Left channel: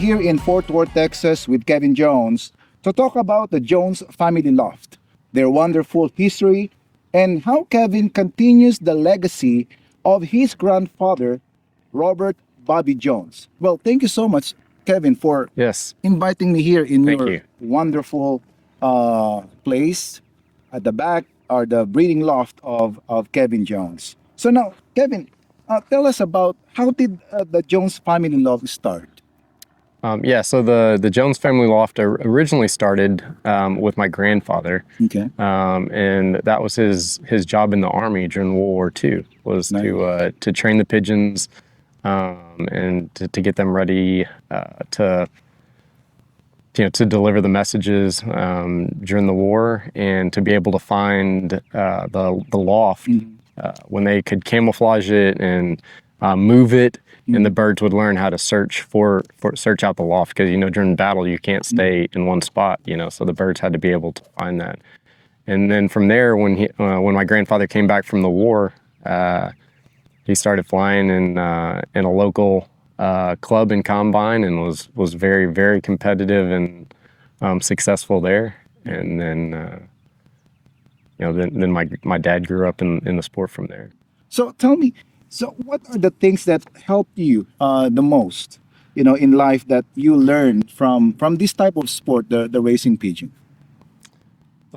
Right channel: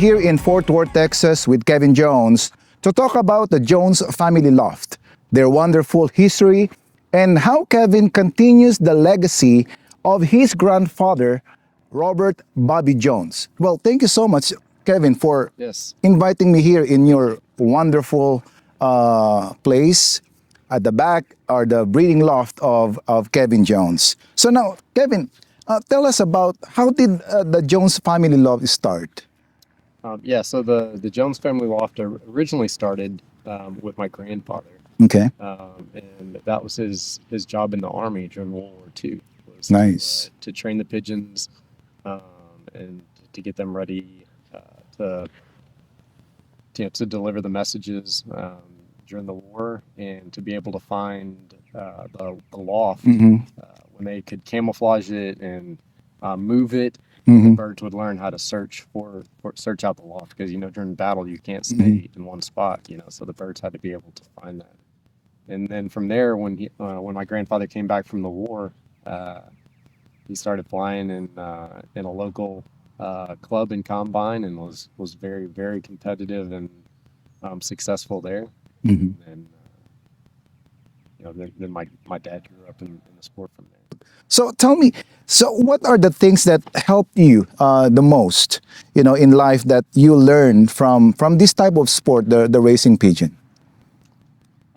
here in Fort Worth, Texas with Kevin Jones to talk about the Jones family loft, their wonderful history, and how Kevin continues the legacy of his grandfather, Robert Bobby Jones. Well, thank you so much, Kevin, for Yes. inviting me here in Thank your you. wonderful place. At the back are the breeding loft of Kevin Jones. So now, Kevin, tell us about how did the Jones family loft start? So the Jones family loft originally started with my grandfather. Okay. And that was his job in the Army during World War II, was Nice. to train the pigeons and to get them ready to deliver the messages during the war, and to be able to find the loft when they could camouflage it and move it, and the birds would learn how to search out the loft, because during battle you can't stay in one spot, so the birds had to be able to find that. And then from there, when my grandfather came back from the war, he started flying in a local club and combine, and was very, very competitive and successful there. And then then my dad grew up in the sport from there. So tell me, so what are the things that help you the most, in life that you learned from this type of sport, the racing pigeon?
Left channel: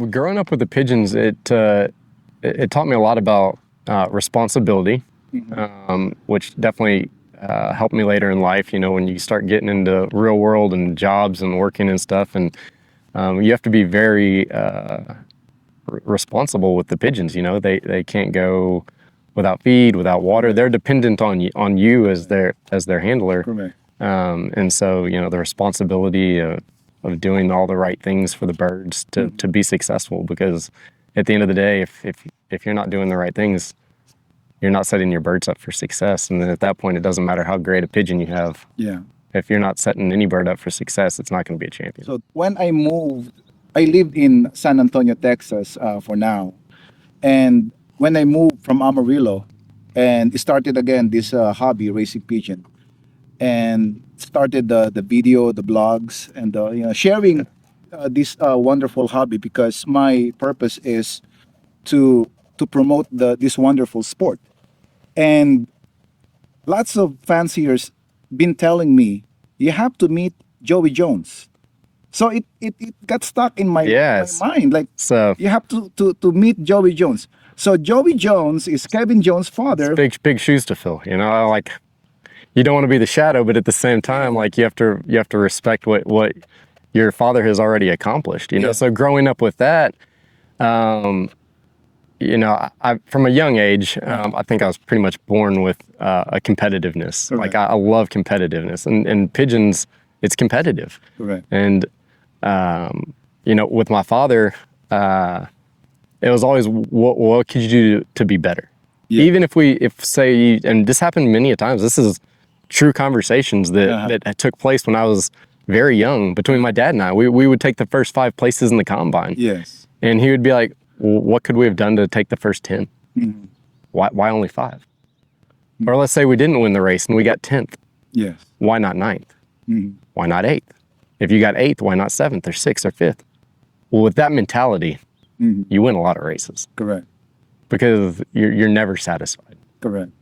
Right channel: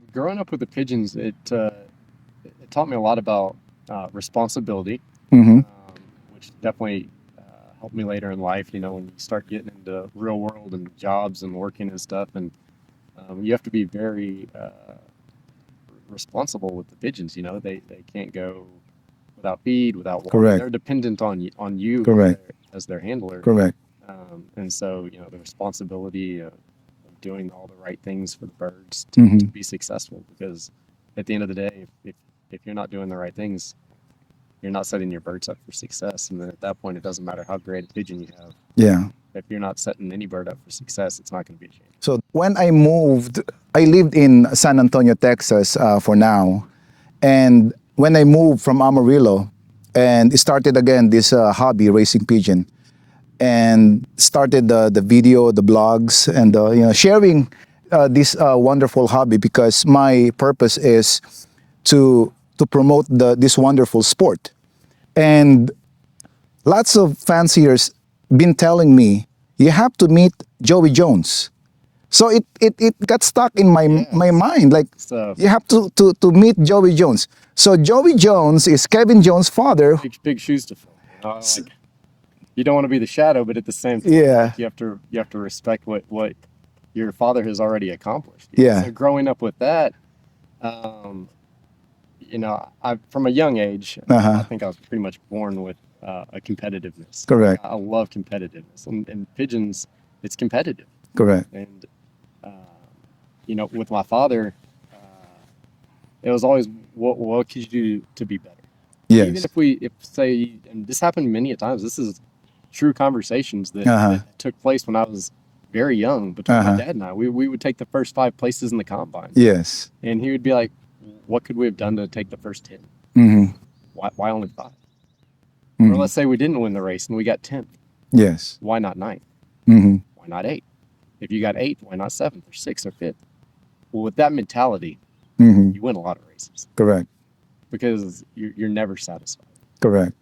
Growing up with the pigeons, it taught me a lot about responsibility, which definitely helped me later in life. When you start getting into real world and jobs and working and stuff, and you have to be very responsible with the pigeons. They can't go without feed, without water. Correct. They're dependent on you Correct. as their handler. Correct. And so the responsibility of doing all the right things for the birds to be successful, because at the end of the day, if you're not doing the right things, you're not setting your birds up for success. And then at that point, it doesn't matter how great a pigeon you have. Yeah. If you're not setting any bird up for success, it's not going to be a champion. So when I lived in San Antonio, Texas for now. And when I moved from Amarillo and started again this hobby, racing pigeon, and started the video, the blogs, and sharing this wonderful hobby, because my purpose is to promote this wonderful sport. And lots of fanciers been telling me, you have to meet Joey Jones. So it got stuck in my mind. Like, So you have to meet Joey Jones. So Joey Jones is Kevin Jones' father. big shoes to fill. Like, you don't want to be the shadow, but at the same time, Yeah. like you have to respect what your father has already accomplished. Yeah. So growing up with that, I from a young age, I think I was pretty much born with a competitiveness. Correct. Like I love competitiveness, and pigeons, it's competitive. Correct. And with my father, it was always what could you do to be better? Yes. Even and this happened many a times. This is true conversations that took place when I was very young between my dad and I. We would take the first 5 places in the combine. Yes. And he would be like, well, what could we have done to take the first 10? Why only 5? Or let's say we didn't win the race and we got 10th. Yes. Why not 9th? Why not 8th? If you got 8th, why not 7th or 6th or 5th? Well, with that mentality, you win a lot of races, Correct. because you're never satisfied. Correct.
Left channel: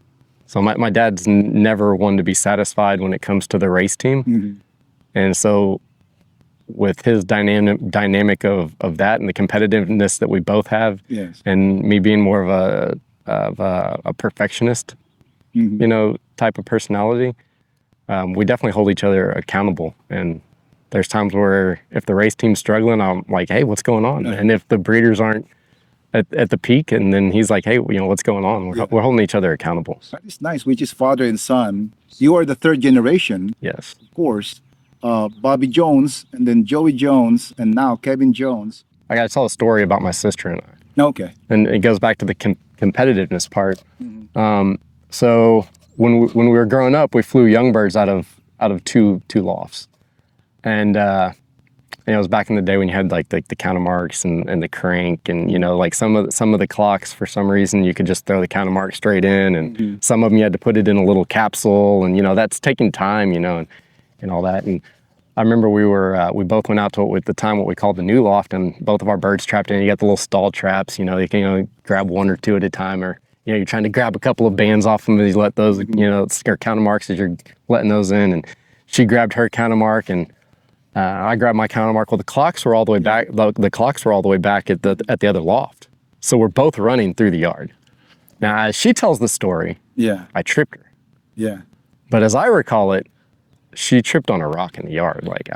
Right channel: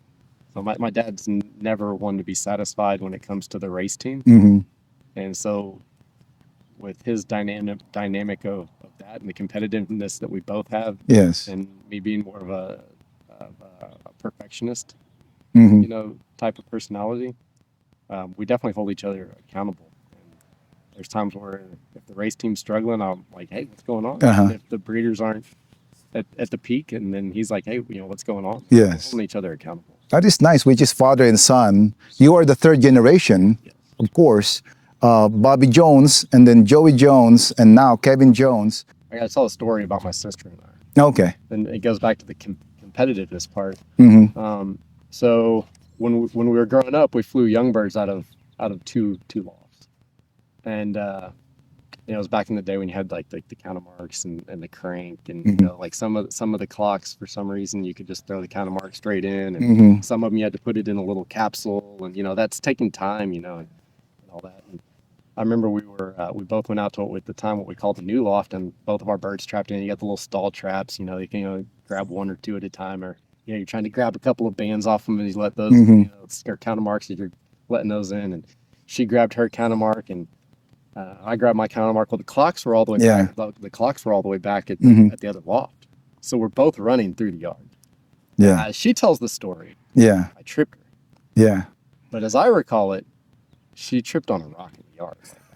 So my dad's never one to be satisfied when it comes to the race team. And so with his dynamic of that and the competitiveness that we both have, Yes. and me being more of a perfectionist, type of personality, we definitely hold each other accountable. And there's times where if the race team's struggling, I'm like, hey, what's going on? And if the breeders aren't at the peak, and then he's like, hey, what's going on? Yes. We're holding each other accountable. That is nice, which is father and son. You are the 3rd generation. Yes. Of course. Bobby Jones, and then Joey Jones, and now Kevin Jones. I got to tell a story about my sister and I. Okay. And it goes back to the competitiveness part. So when we were growing up, we flew young birds out of two lofts. And it was back in the day when you had like the counter marks and the crank, and like some of the clocks, for some reason you could just throw the counter mark straight in, and some of them you had to put it in a little capsule, and that's taking time, and all that. And I remember we both went out to at the time what we called the new loft, and both of our birds trapped in. You got the little stall traps, you know, you can grab one or two at a time, or you're trying to grab a couple of bands off them, and you let those, or counter marks as you're letting those in. And she grabbed her counter mark, and I grabbed my counter mark. Well, the clocks were all the way back. The clocks were all the way back at the other loft. So we're both running through the yard. Now, as she tells the story, I tripped her. Yeah. But as I recall it, she tripped on a rock in the yard. Like,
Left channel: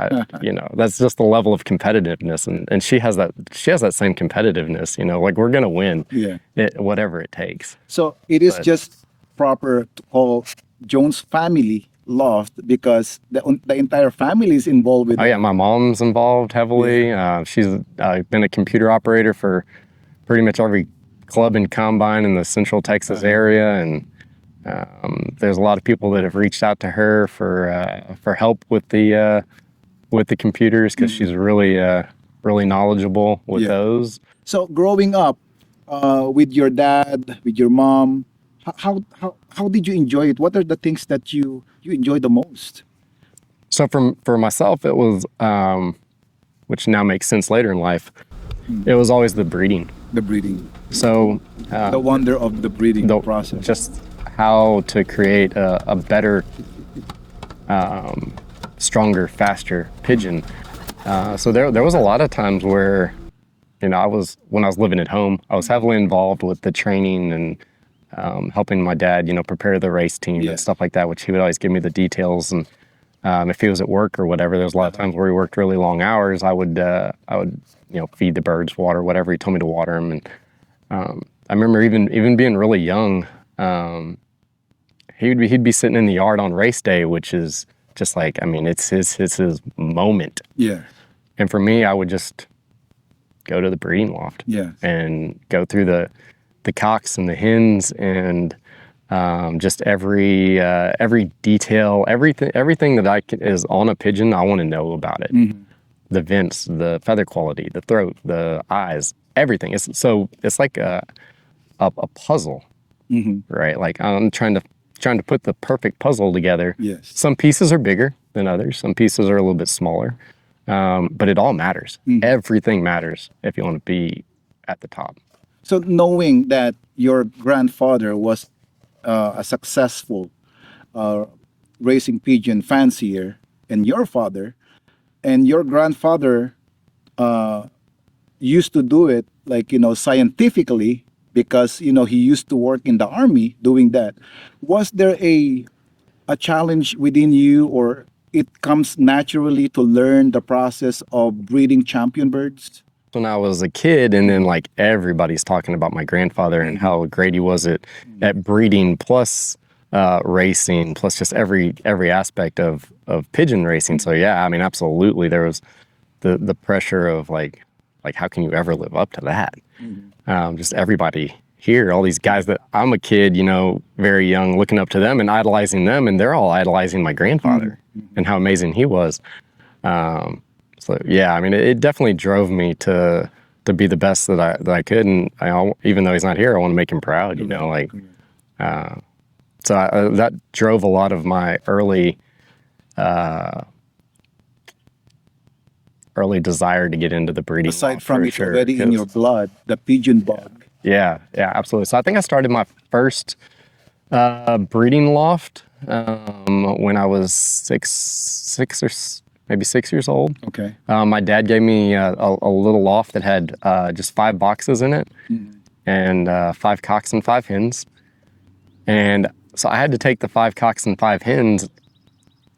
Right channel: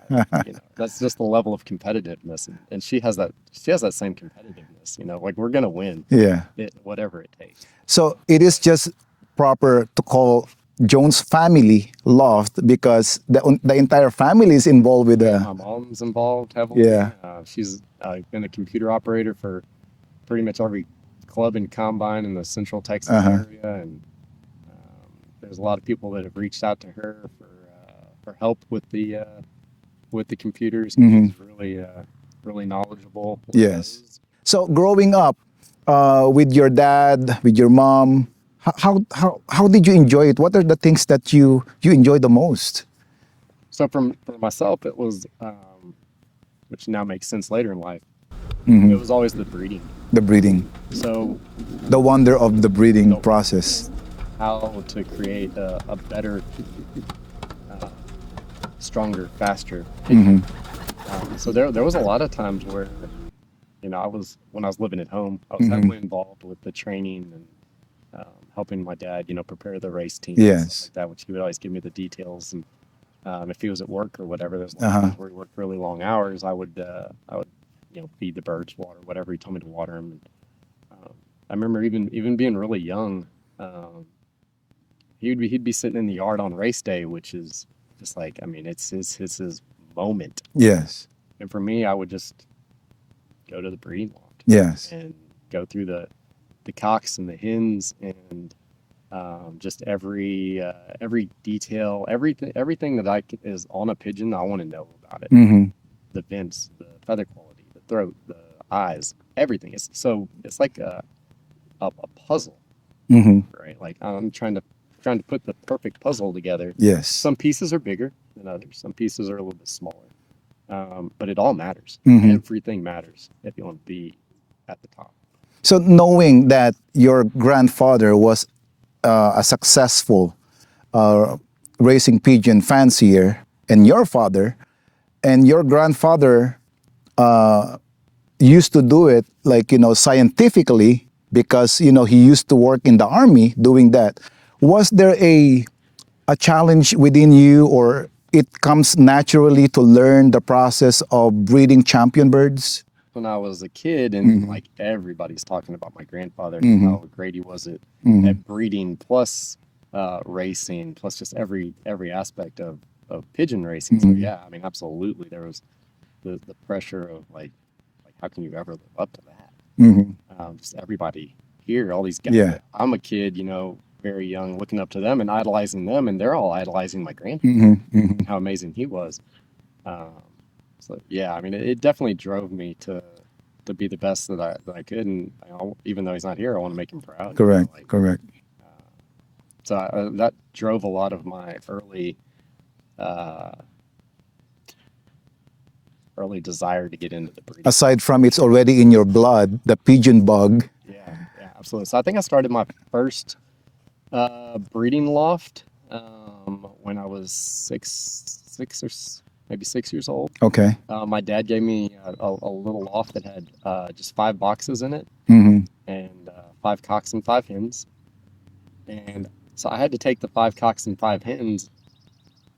that's just the level of competitiveness. And she has that same competitiveness, like we're going to win whatever it takes. So it is just proper to call Jones family loft because the entire family is involved with it. Yeah, my mom's involved heavily. She's been a computer operator for pretty much every club and combine in the Central Texas area. And there's a lot of people that have reached out to her for help with the computers because she's really knowledgeable with those. So growing up with your dad, with your mom, how did you enjoy it? What are the things that you enjoy the most? So for myself, it was, which now makes sense later in life, it was always the breeding. The breeding. So the wonder of the breeding process. Just how to create a better, stronger, faster pigeon. So there was a lot of times where, when I was living at home, I was heavily involved with the training and helping my dad, prepare the race team and stuff like that, which he would always give me the details. And if he was at work or whatever, there was a lot of times where he worked really long hours. I would feed the birds, water, whatever he told me to water them. And I remember even being really young, he'd be sitting in the yard on race day, which is just like, it's his moment. Yes. And for me, I would just go to the breeding loft. Yes. And go through the cocks and the hens and just every detail, everything that is on a pigeon, I want to know about it. The vents, the feather quality, the throat, the eyes, everything. It's like a puzzle, right? Like I'm trying to put the perfect puzzle together. Yes. Some pieces are bigger than others. Some pieces are a little bit smaller, but it all matters. Everything matters if you want to be at the top. So knowing that your grandfather was a successful racing pigeon fancier, and your father, and your grandfather used to do it scientifically because he used to work in the army doing that. Was there a challenge within you, or it comes naturally to learn the process of breeding champion birds? When I was a kid, and then like everybody's talking about my grandfather and how great he was at breeding, plus racing, plus just every aspect of pigeon racing. So yeah, absolutely, there was the pressure of like how can you ever live up to that? Just everybody here, all these guys that I'm a kid, very young, looking up to them and idolizing them, and they're all idolizing my grandfather and how amazing he was. So yeah, it definitely drove me to be the best that I could, and even though he's not here, I want to make him proud. Correct. Correct. So that drove a lot of my early desire to get into the breeding. Aside from it's already in your blood, the pigeon bug. Yeah, absolutely. So I think I started my first breeding loft when I was maybe 6 years old. Okay. My dad gave me a little loft that had just 5 boxes in it and 5 cocks and 5 hens. And so I had to take the 5 cocks and 5 hens,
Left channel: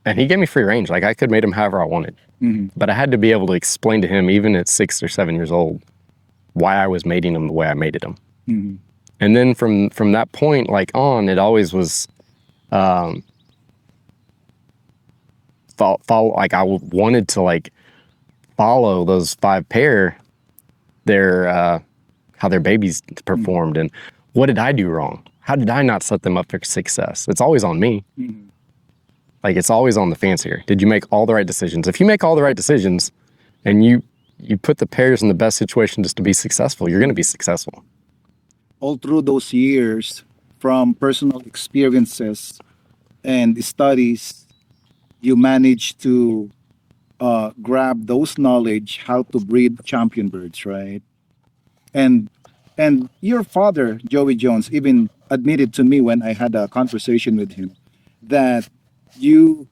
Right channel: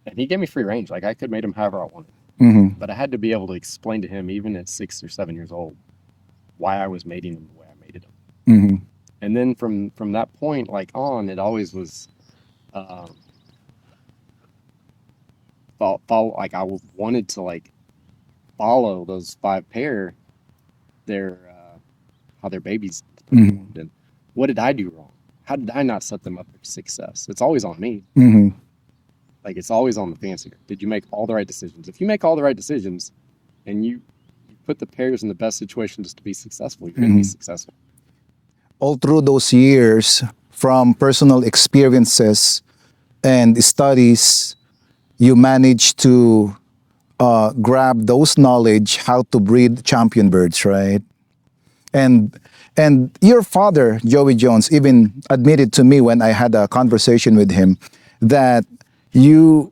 and he gave me free range. Like I could mate them however I wanted. But I had to be able to explain to him, even at 6 or 7 years old, why I was mating them the way I mated them. And then from that point on, it always was follow, like I wanted to follow those 5 pair, how their babies performed and what did I do wrong? How did I not set them up for success? It's always on me. It's always on the fancier. Did you make all the right decisions? If you make all the right decisions and you put the pairs in the best situation just to be successful, you're going to be successful. All through those years, from personal experiences and studies, you managed to grab those knowledge how to breed champion birds, right? And your father, Joey Jones, even admitted to me when I had a conversation with him that you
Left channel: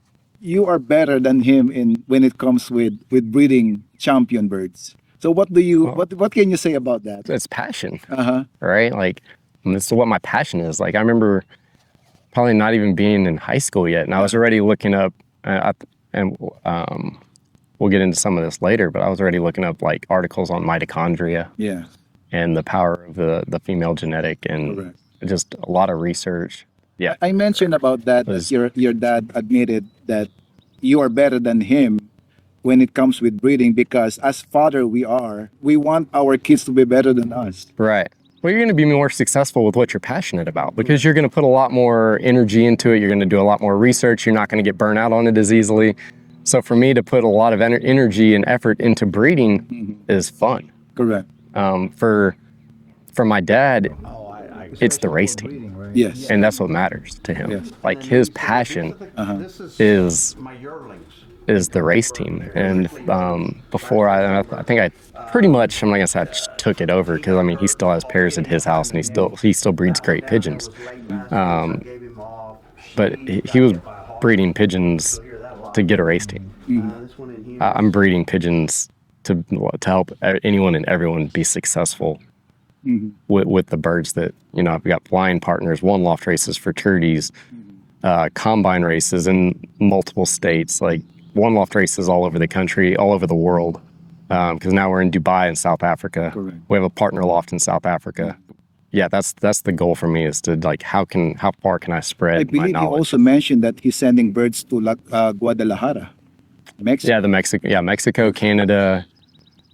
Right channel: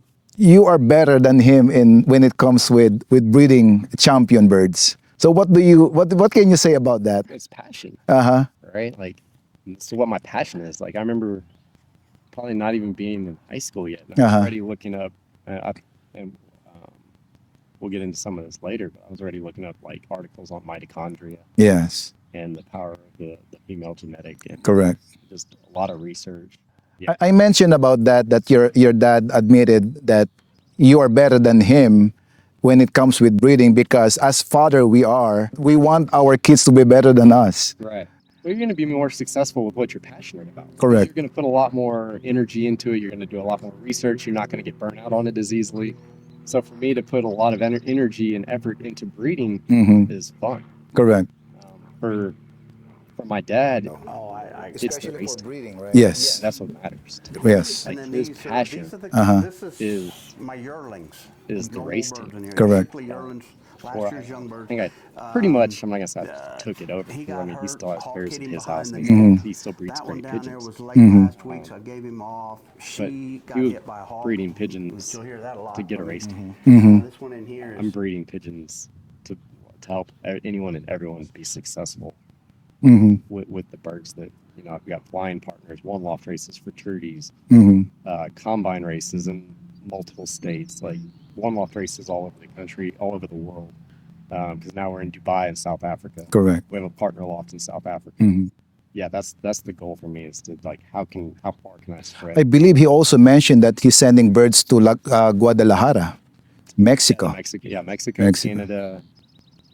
are better than him in when it comes with breeding champion birds. So what can you say about that? It's passion, Uh-huh. right? Like, this is what my passion is. Like, I remember probably not even being in high school yet, and I was already looking up, and we'll get into some of this later, but I was already looking up like articles on mitochondria Yes. and the power of the female genetic, and Correct. just a lot of research. Yeah, I mentioned about that your dad admitted that you are better than him when it comes with breeding because as father we want our kids to be better than us. right. Well, you're going to be more successful with what you're passionate about because Correct. you're going to put a lot more energy into it. You're going to do a lot more research. You're not going to get burnt out on it as easily. So for me to put a lot of energy and effort into breeding is fun. Correct. For my dad, it's the race team. Yes. And that's what matters to him. Yes. Like his passion is the race team. Correct. And before I think I pretty much, I'm not gonna say I just took it over because I mean he still has pairs at his house and he still breeds great pigeons. But he was breeding pigeons to get a race team. I'm breeding pigeons to help anyone and everyone be successful with the birds that, you know, I've got flying partners, one loft races, fraternities, combine races in multiple states, like one loft races all over the country, all over the world. Because now we're in Dubai and South Africa. Correct. We have a partner loft in South Africa. Yeah, that's the goal for me is to like how far can I spread? I believe he also mentioned that he's sending birds to Guadalajara, Mexico. Mexico, Canada,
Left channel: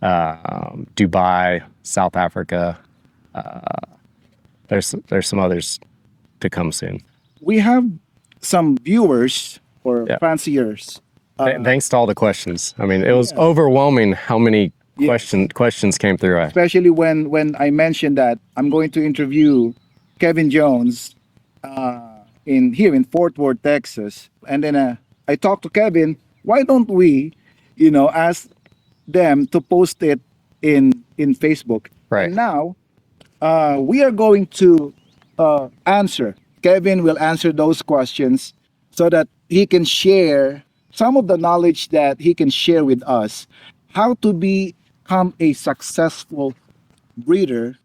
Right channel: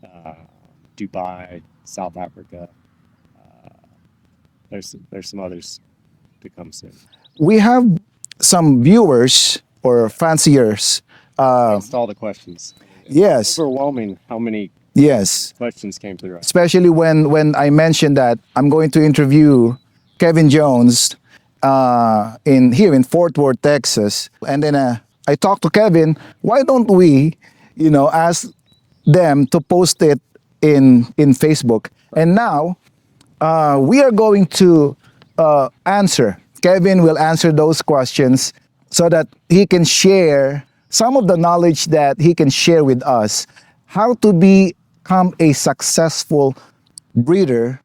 Dubai, South Africa. There's some others to come soon. We have some viewers or fanciers. Thanks to all the questions. I mean, it was overwhelming how many questions came through. Especially when I mentioned that I'm going to interview Kevin Jones in Fort Worth, Texas, and then I talked to Kevin. Why don't we, ask them to post it in Facebook? Right. And now we are going to answer. Kevin will answer those questions so that he can share some of the knowledge that he can share with us, how to become a successful breeder,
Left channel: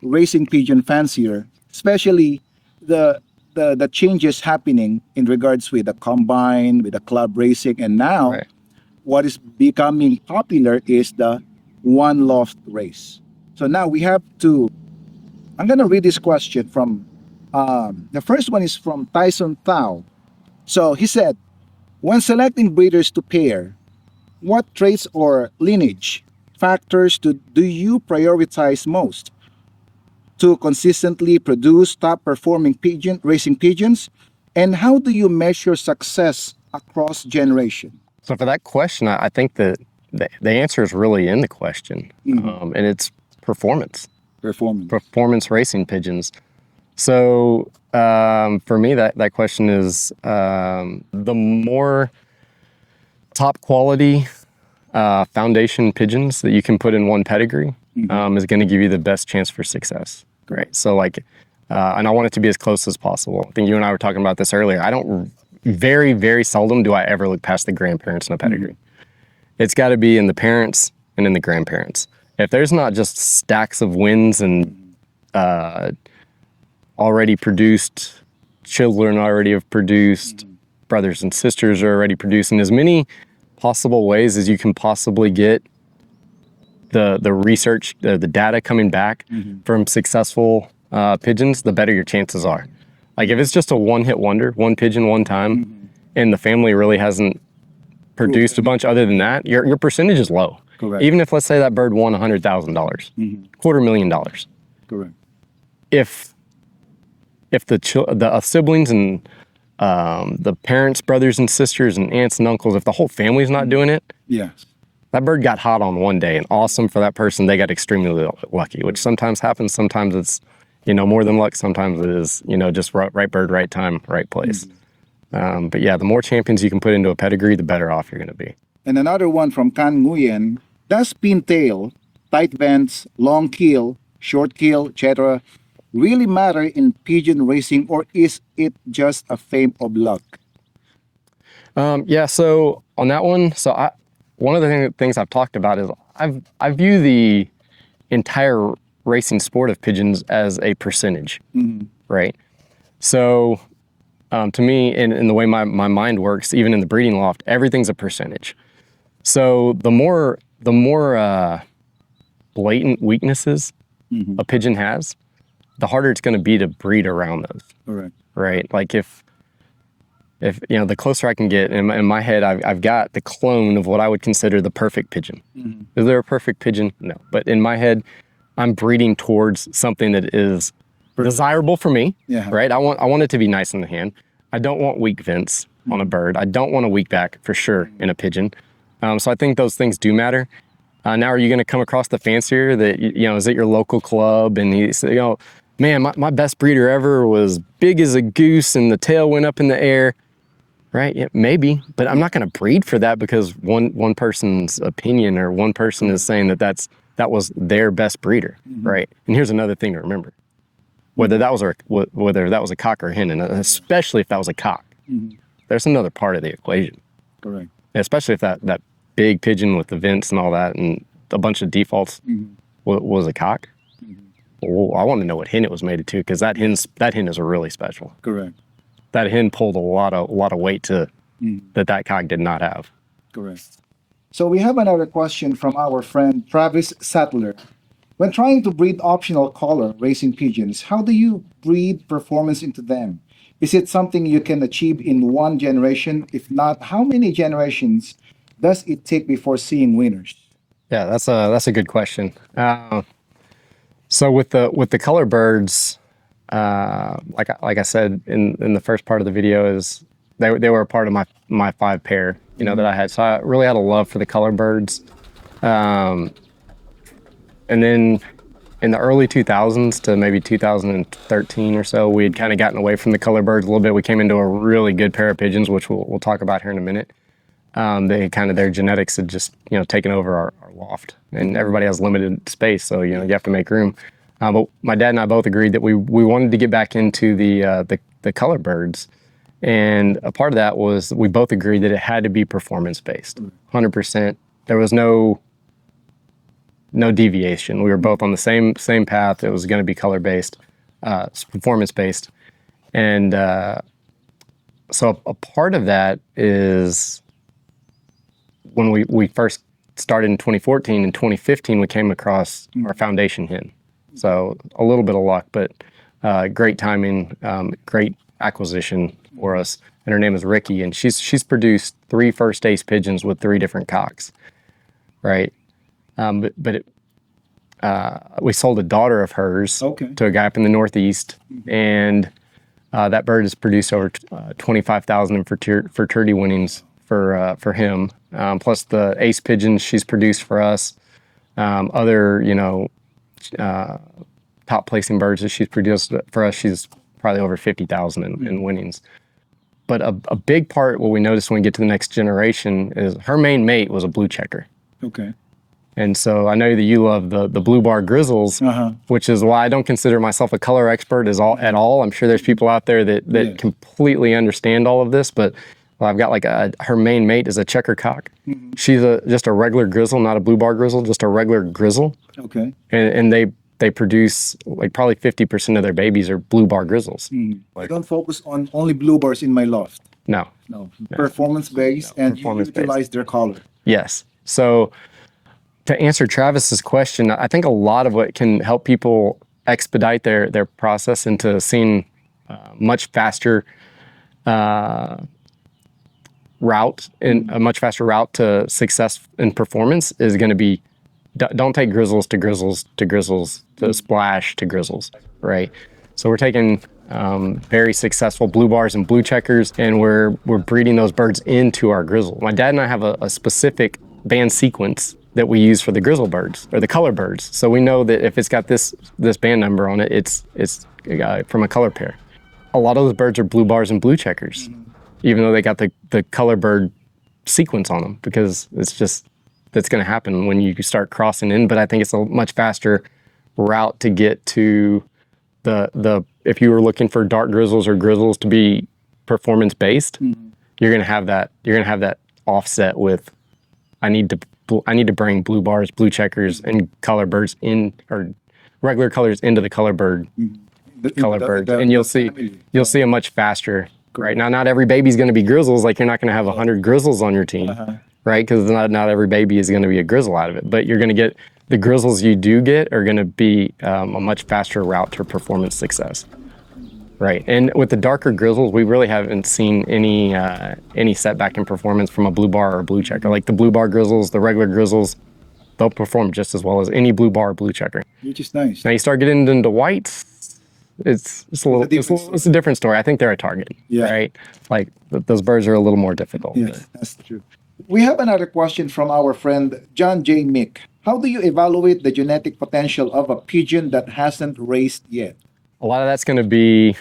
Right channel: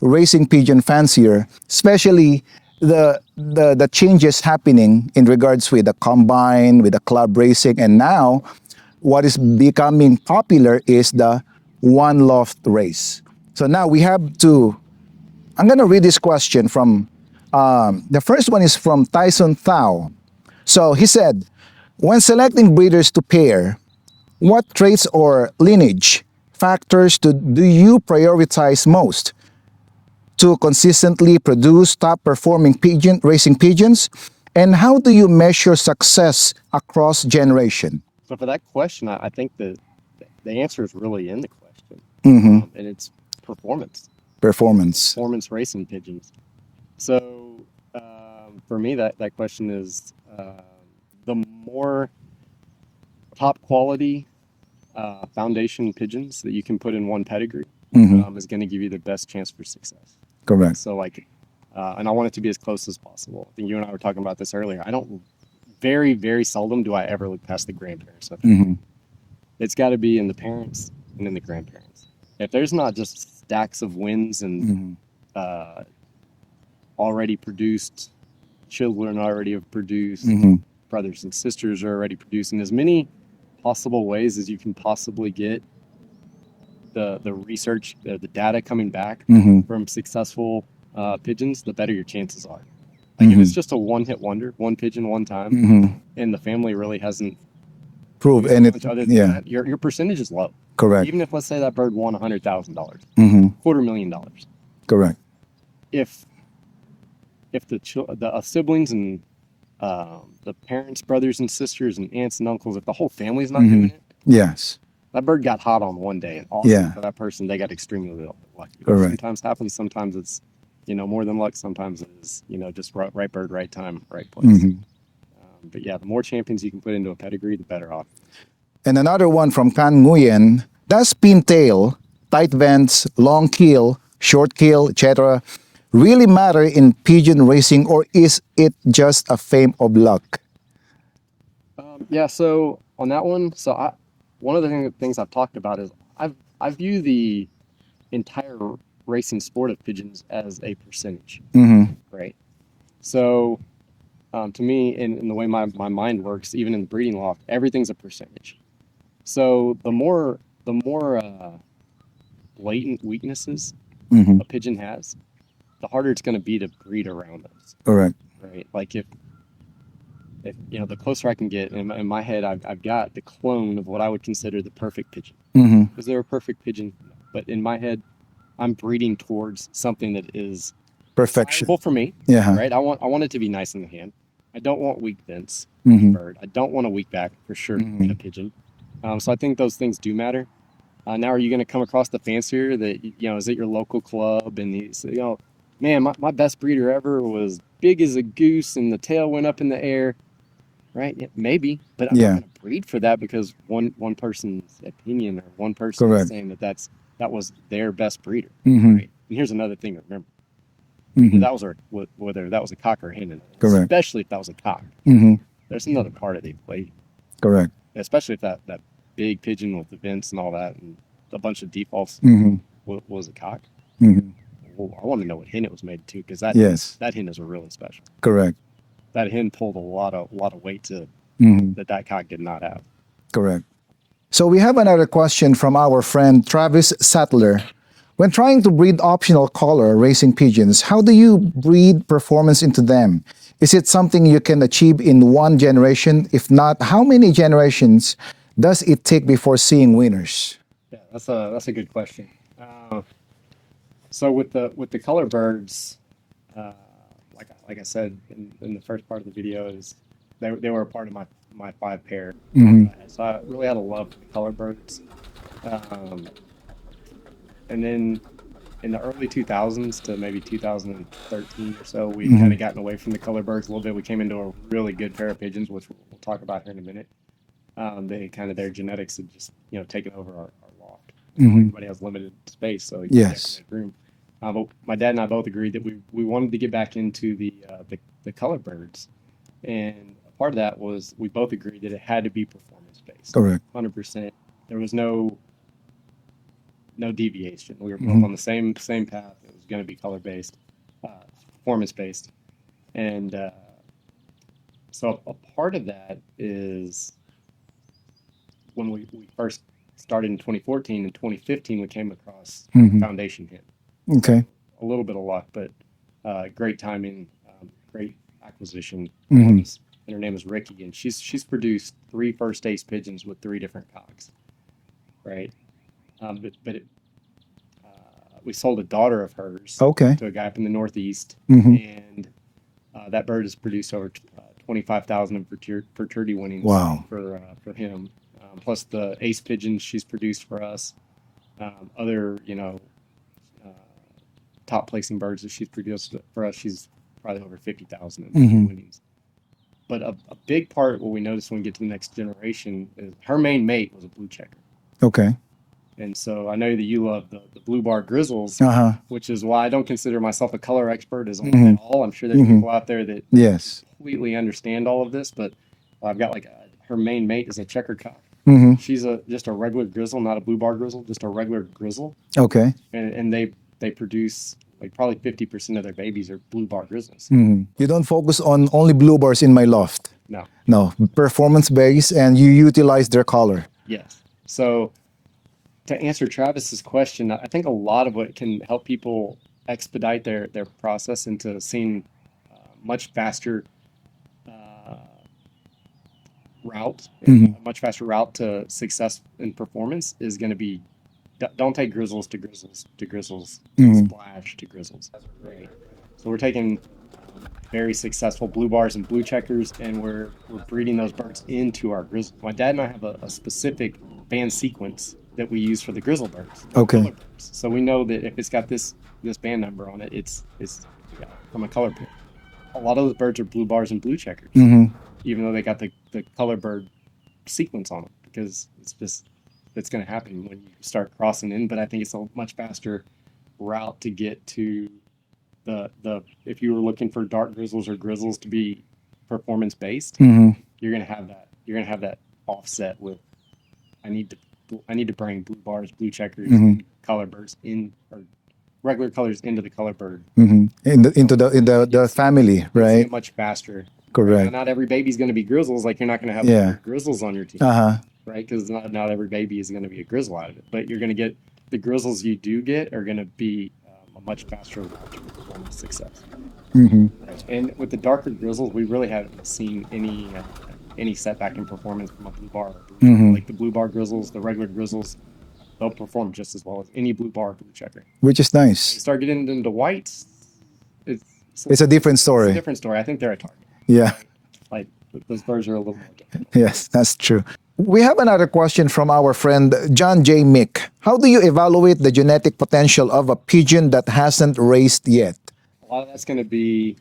racing pigeon fancier, especially the changes happening in regards with the combine, with the club racing, and now what is becoming popular is the one loft race. So now we have to, I'm going to read this question from, the first one is from Tyson Thao. So he said, when selecting breeders to pair, what traits or lineage factors do you prioritize most to consistently produce top-performing racing pigeons? And how do you measure success across generation? So for that question, I think that the answer is really in the question, and it's performance. Performance racing pigeons. So for me, that question is the more top quality foundation pigeons that you can put in one pedigree is going to give you the best chance for success. Correct. Right? So and I want it to be as close as possible. I think you and I were talking about this earlier. Very, very seldom do I ever look past the grandparents in a pedigree. It's got to be in the parents and in the grandparents. If there's not just stacks of wins and already produced, children already have produced, brothers and sisters are already producing, as many possible ways as you can possibly get the research, the data coming back from successful pigeons, the better your chances are. Like if it's just a one-hit wonder, one pigeon one time, and the family really hasn't produced a bunch other than that, your percentage is low. Correct. Even if, let's say, that bird won $100,000, $250,000. Correct. If the siblings and the parents, brothers and sisters and aunts and uncles, if the whole family's not doing it, yes, that bird got hot on one day, and awesome for that person. They got extremely lucky, which sometimes happens. Sometimes it's more than luck. Sometimes it is just right bird, right time, right place. But yeah, the more champions you can put into a pedigree, the better off you're going to be. And another one from Kan Nguyen, does pintail, tight vents, long keel, short keel, etc. really matter in pigeon racing, or is it just a fame of luck? Yeah, so on that one, one of the things I've talked about is I view the entire racing sport of pigeons as a percentage, right? So to me, in the way my mind works, even in the breeding loft, everything's a percentage. So the more blatant weaknesses a pigeon has, the harder it's going to be to breed around those. Correct. Right? Like if the closer I can get in my head, I've got the clone of what I would consider the perfect pigeon. Is there a perfect pigeon? No. But in my head, I'm breeding towards something that is desirable for me. Yeah. Right? I want it to be nice in the hand. I don't want weak vents on a bird. I don't want a weak back for sure in a pigeon. So I think those things do matter. Now, are you going to come across the fancier that, is at your local club and you say, man, my best breeder ever was big as a goose and the tail went up in the air, right? Yeah, maybe, but I'm not going to breed for that because one person's opinion or one person is saying that was their best breeder, right? And here's another thing to remember. Whether that was a cock or a hen, and especially if that was a cock, there's another part of the equation. Correct. Especially if that big pigeon with the vents and all that and a bunch of defaults was a cock. Well, I want to know what hen it was mated to, because that hen is really special. Correct. That hen pulled a lot of weight to that cock did not have. Correct. So we have another question from our friend Travis Sattler. When trying to breed optional color racing pigeons, how do you breed performance into them? Is it something you can achieve in one generation? If not, how many generations does it take before seeing winners? Yeah, that's a good question. So with the color birds, like I said in the first part of the video, is they were a part of my 5 pair that I had. So I really had a love for the color birds. And then in the early 2000s to maybe 2013 or so, we had kind of gotten away from the color birds a little bit. We came into a really good pair of pigeons, which we'll talk about here in a minute. Their genetics had just taken over our loft, and everybody has limited space, so you have to make room. But my dad and I both agreed that we wanted to get back into the color birds, and a part of that was we both agreed that it had to be performance based. Correct. 100%. There was no deviation. We were both on the same path. It was going to be color based, performance based, and so a part of that is when we first started in 2014. In 2015, we came across our foundation hen. Okay. So a little bit of luck, but great timing, great acquisition for us. And her name is Ricky, and she's produced 3 first ace pigeons with 3 different cocks, right? We sold a daughter of hers to a guy up in the Northeast, and that bird has produced over 25,000 in fertility winnings for him. Plus the ace pigeons she's produced for us, other top placing birds that she's produced for us. She's probably over 50,000 in winnings. But a big part, what we noticed when we get to the next generation, is her main mate was a blue checker. Okay. And so I know that you love the blue bar grizzles, which is why I don't consider myself a color expert at all. I'm sure there's people out there that completely understand all of this, but I've got her main mate is a checker cock. She's just a regular grizzle, not a blue bar grizzle, just a regular grizzle. Okay. And they produce probably 50% of their babies are blue bar grizzles. You don't focus on only blue bars in my loft. No. Performance based, and you utilize their color. Yes. So to answer Travis's question, I think a lot of what can help people expedite their process into seeing much faster route and a much faster route to success in performance is going to be, don't take grizzles to grizzles to grizzles to splash to grizzles, right? So we're taking very successful blue bars and blue checkers, and we're breeding those birds into our grizzle. My dad and I have a specific band sequence that we use for the grizzle birds or the color birds. So we know that if it's got this band number on it, it's from a color pair. A lot of those birds are blue bars and blue checkers. even though they got the color bird sequence on them, because that's going to happen when you start crossing in. But I think it's a much faster route to get to if you were looking for dark grizzles or grizzles to be performance based, you're going to have that offset with, I need to bring blue bars, blue checkers, and color birds in, or regular colors into the color bird. Into bird. the, And family. You'll see right? them much faster. Correct. Right now, not every baby's going to be grizzles. Like, you're not going to have 100 grizzles on your team, right? Because not every baby is going to be a grizzle out of it. But you're going to get the grizzles you do get are going to be a much faster route to performance success. Right. And with the darker grizzles, we really haven't seen any setback in performance from a blue bar or a blue checker. Like the blue bar grizzles, the regular grizzles, they'll perform just as well as any blue bar or blue checker. Which is nice. Now you start getting into whites, it's a different story. It's a different story. I think they're a target. Yeah. Right. Like those birds are a little more difficult. Yes, that's true. We have another question from our friend John J. Mick. How do you evaluate the genetic potential of a pigeon that hasn't raced yet? A lot of that's going to be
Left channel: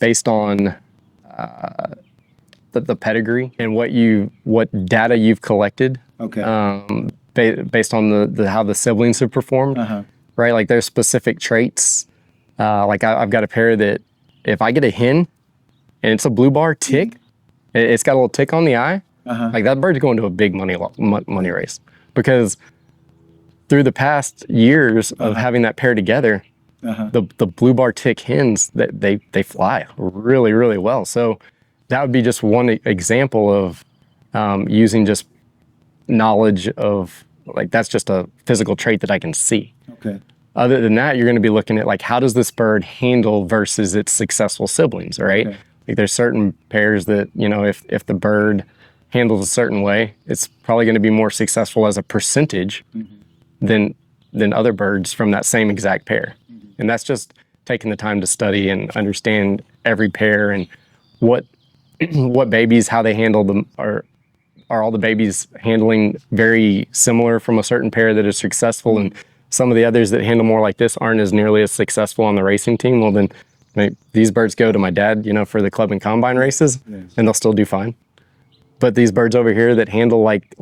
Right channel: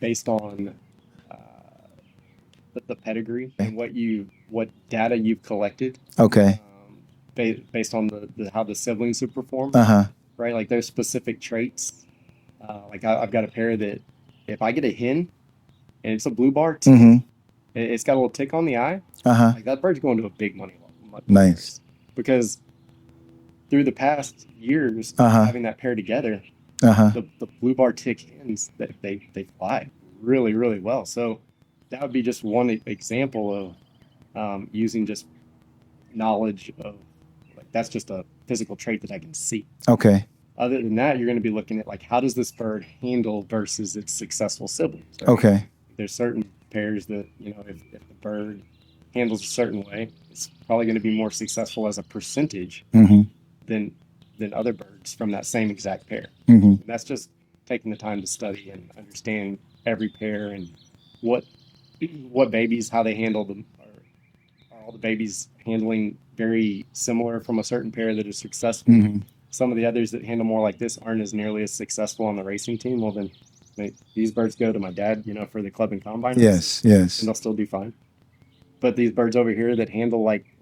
based on the pedigree and what data you've collected. Okay. Based on how the siblings have performed. Right. Like there's specific traits. Like I've got a pair that if I get a hen and it's a blue bar tick, it's got a little tick on the eye. Like that bird's going to a big money race, because through the past years of having that pair together, the blue bar tick hens, that they fly really, really well. So that would be just one example of using just knowledge of, like, that's just a physical trait that I can see. Okay. Other than that, you're going to be looking at, like, how does this bird handle versus its successful siblings, right? Okay. Like there's certain pairs that, if the bird handles a certain way, it's probably going to be more successful as a percentage than other birds from that same exact pair. And that's just taking the time to study and understand every pair and what babies, how they handle them. Are all the babies handling very similar from a certain pair that is successful, and some of the others that handle more like this aren't as nearly as successful on the racing team? Well, then these birds go to my dad, for the club and combine races, yes. and they'll still do fine. But these birds over here that handle like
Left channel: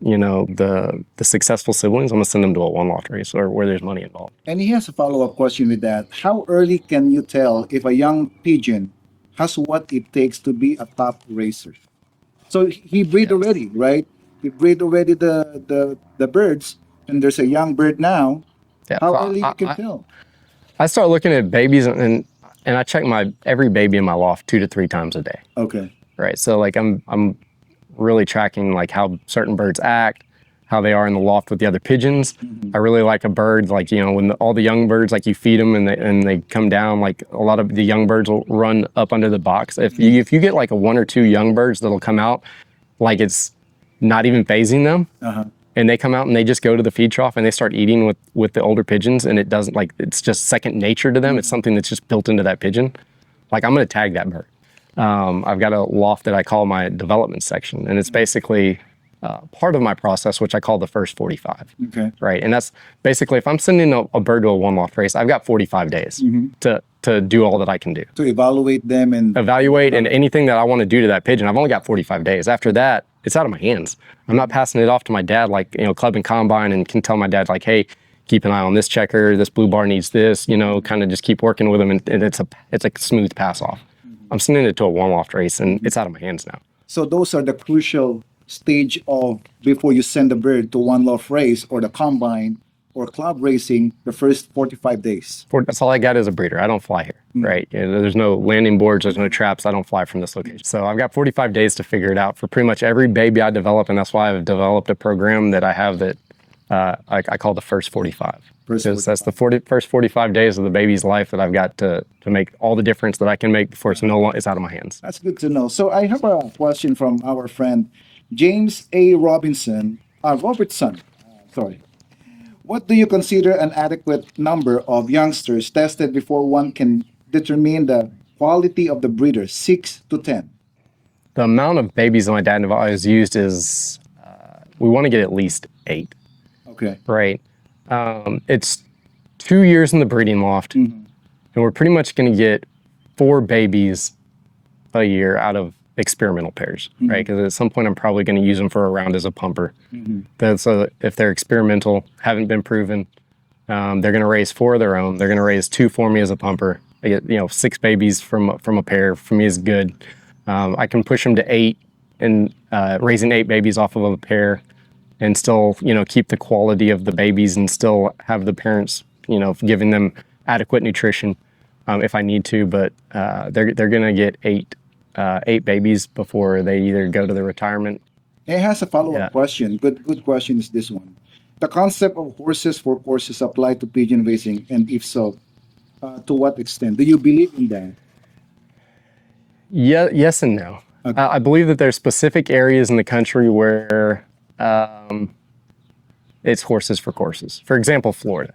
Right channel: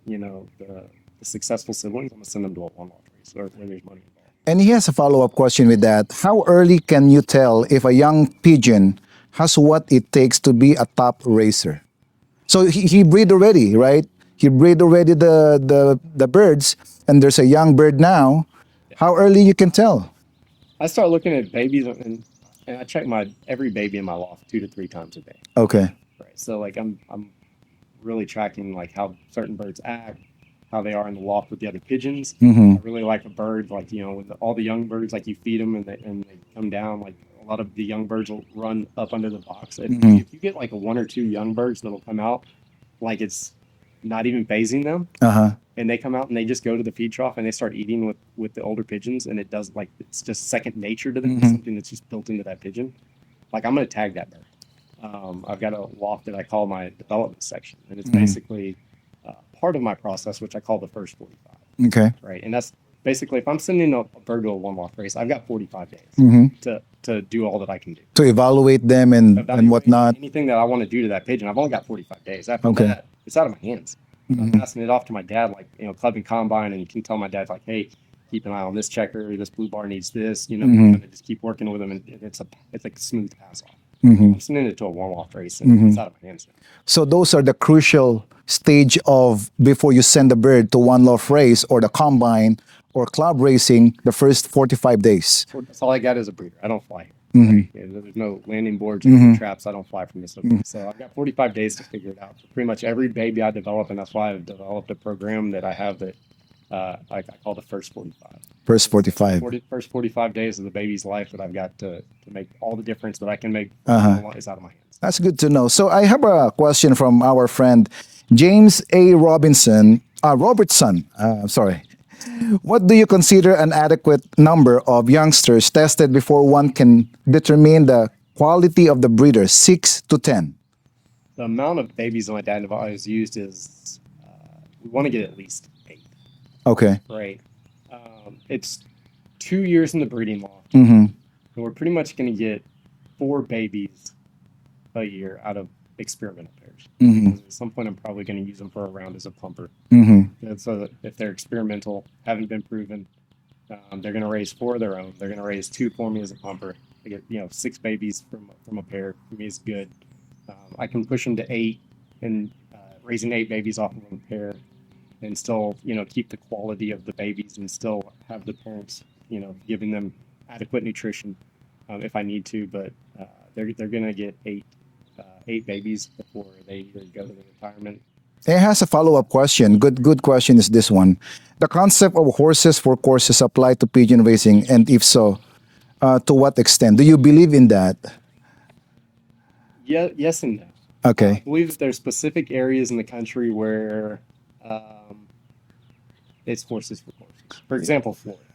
the successful siblings, I'm gonna send them to a one-loft race or where there's money involved. And he has a follow-up question with that. How early can you tell if a young pigeon has what it takes to be a top racer? So he breed already, right? He breed already the birds, and there's a young bird now. Yeah, How early you can tell? I start looking at babies and I check every baby in my loft 2 to 3 times a day. Okay. Right. So like I'm really tracking like how certain birds act, how they are in the loft with the other pigeons. I really like a bird, like, when all the young birds, like you feed them and they come down, like a lot of the young birds will run up under the box. If you get like a 1 or 2 young birds that'll come out, like it's not even phasing them, and they come out and they just go to the feed trough and they start eating with the older pigeons, and it doesn't, like, it's just second nature to them. It's something that's just built into that pigeon. Like, I'm going to tag that bird. I've got a loft that I call my development section, and it's basically part of my process, which I call the first 45. Okay. Right. And that's basically, if I'm sending a bird to a one-loft race, I've got 45 days to do all that I can do. To evaluate them and Evaluate and whatnot. anything that I want to do to that pigeon. I've only got 45 days. After that, it's out of my hands. I'm not passing it off to my dad, like, club and combine, and can tell my dad, like, hey, keep an eye on this checker, this blue bar needs this, kind of just keep working with him, and it's a smooth pass off. I'm sending it to a one-loft race, and it's out of my hands now. So those are the crucial stage of before you send the bird to one loft race or the combine or club racing, the first 45 days. That's all I got as a breeder. I don't fly here, right? There's no landing boards, there's no traps. I don't fly from this location. So I've got 45 days to figure it out for pretty much every baby I develop, and that's why I've developed a program that I have that I call the first 45. First 45. That's the first 45 days of the baby's life that I've got to make all the difference that I can make before it's out of my hands. That's good to know. So I have a question from our friend James A. Robertson. What do you consider an adequate number of youngsters tested before one can determine the quality of the breeder, 6 to 10? The amount of babies that my dad and I always used is, we want to get at least 8. Okay. Right. It's 2 years in the breeding loft, and we're pretty much going to get 4 babies a year out of experimental pairs, right? Because at some point I'm probably going to use them for a round as a pumper. That's if they're experimental, haven't been proven, they're going to raise 4 of their own. They're going to raise 2 for me as a pumper. I get 6 babies from a pair. For me is good. I can push them to 8 and raising 8 babies off of a pair, and still keep the quality of the babies and still have the parents giving them adequate nutrition if I need to. But they're going to get 8 babies before they either go to the retirement. It has a follow-up question. Good question is this one. The concept of horses for courses apply to pigeon raising, and if so, to what extent? Do you believe in that? Yeah, yes and no. Okay. I believe that there's specific areas in the country where it's horses for courses. For example, Florida.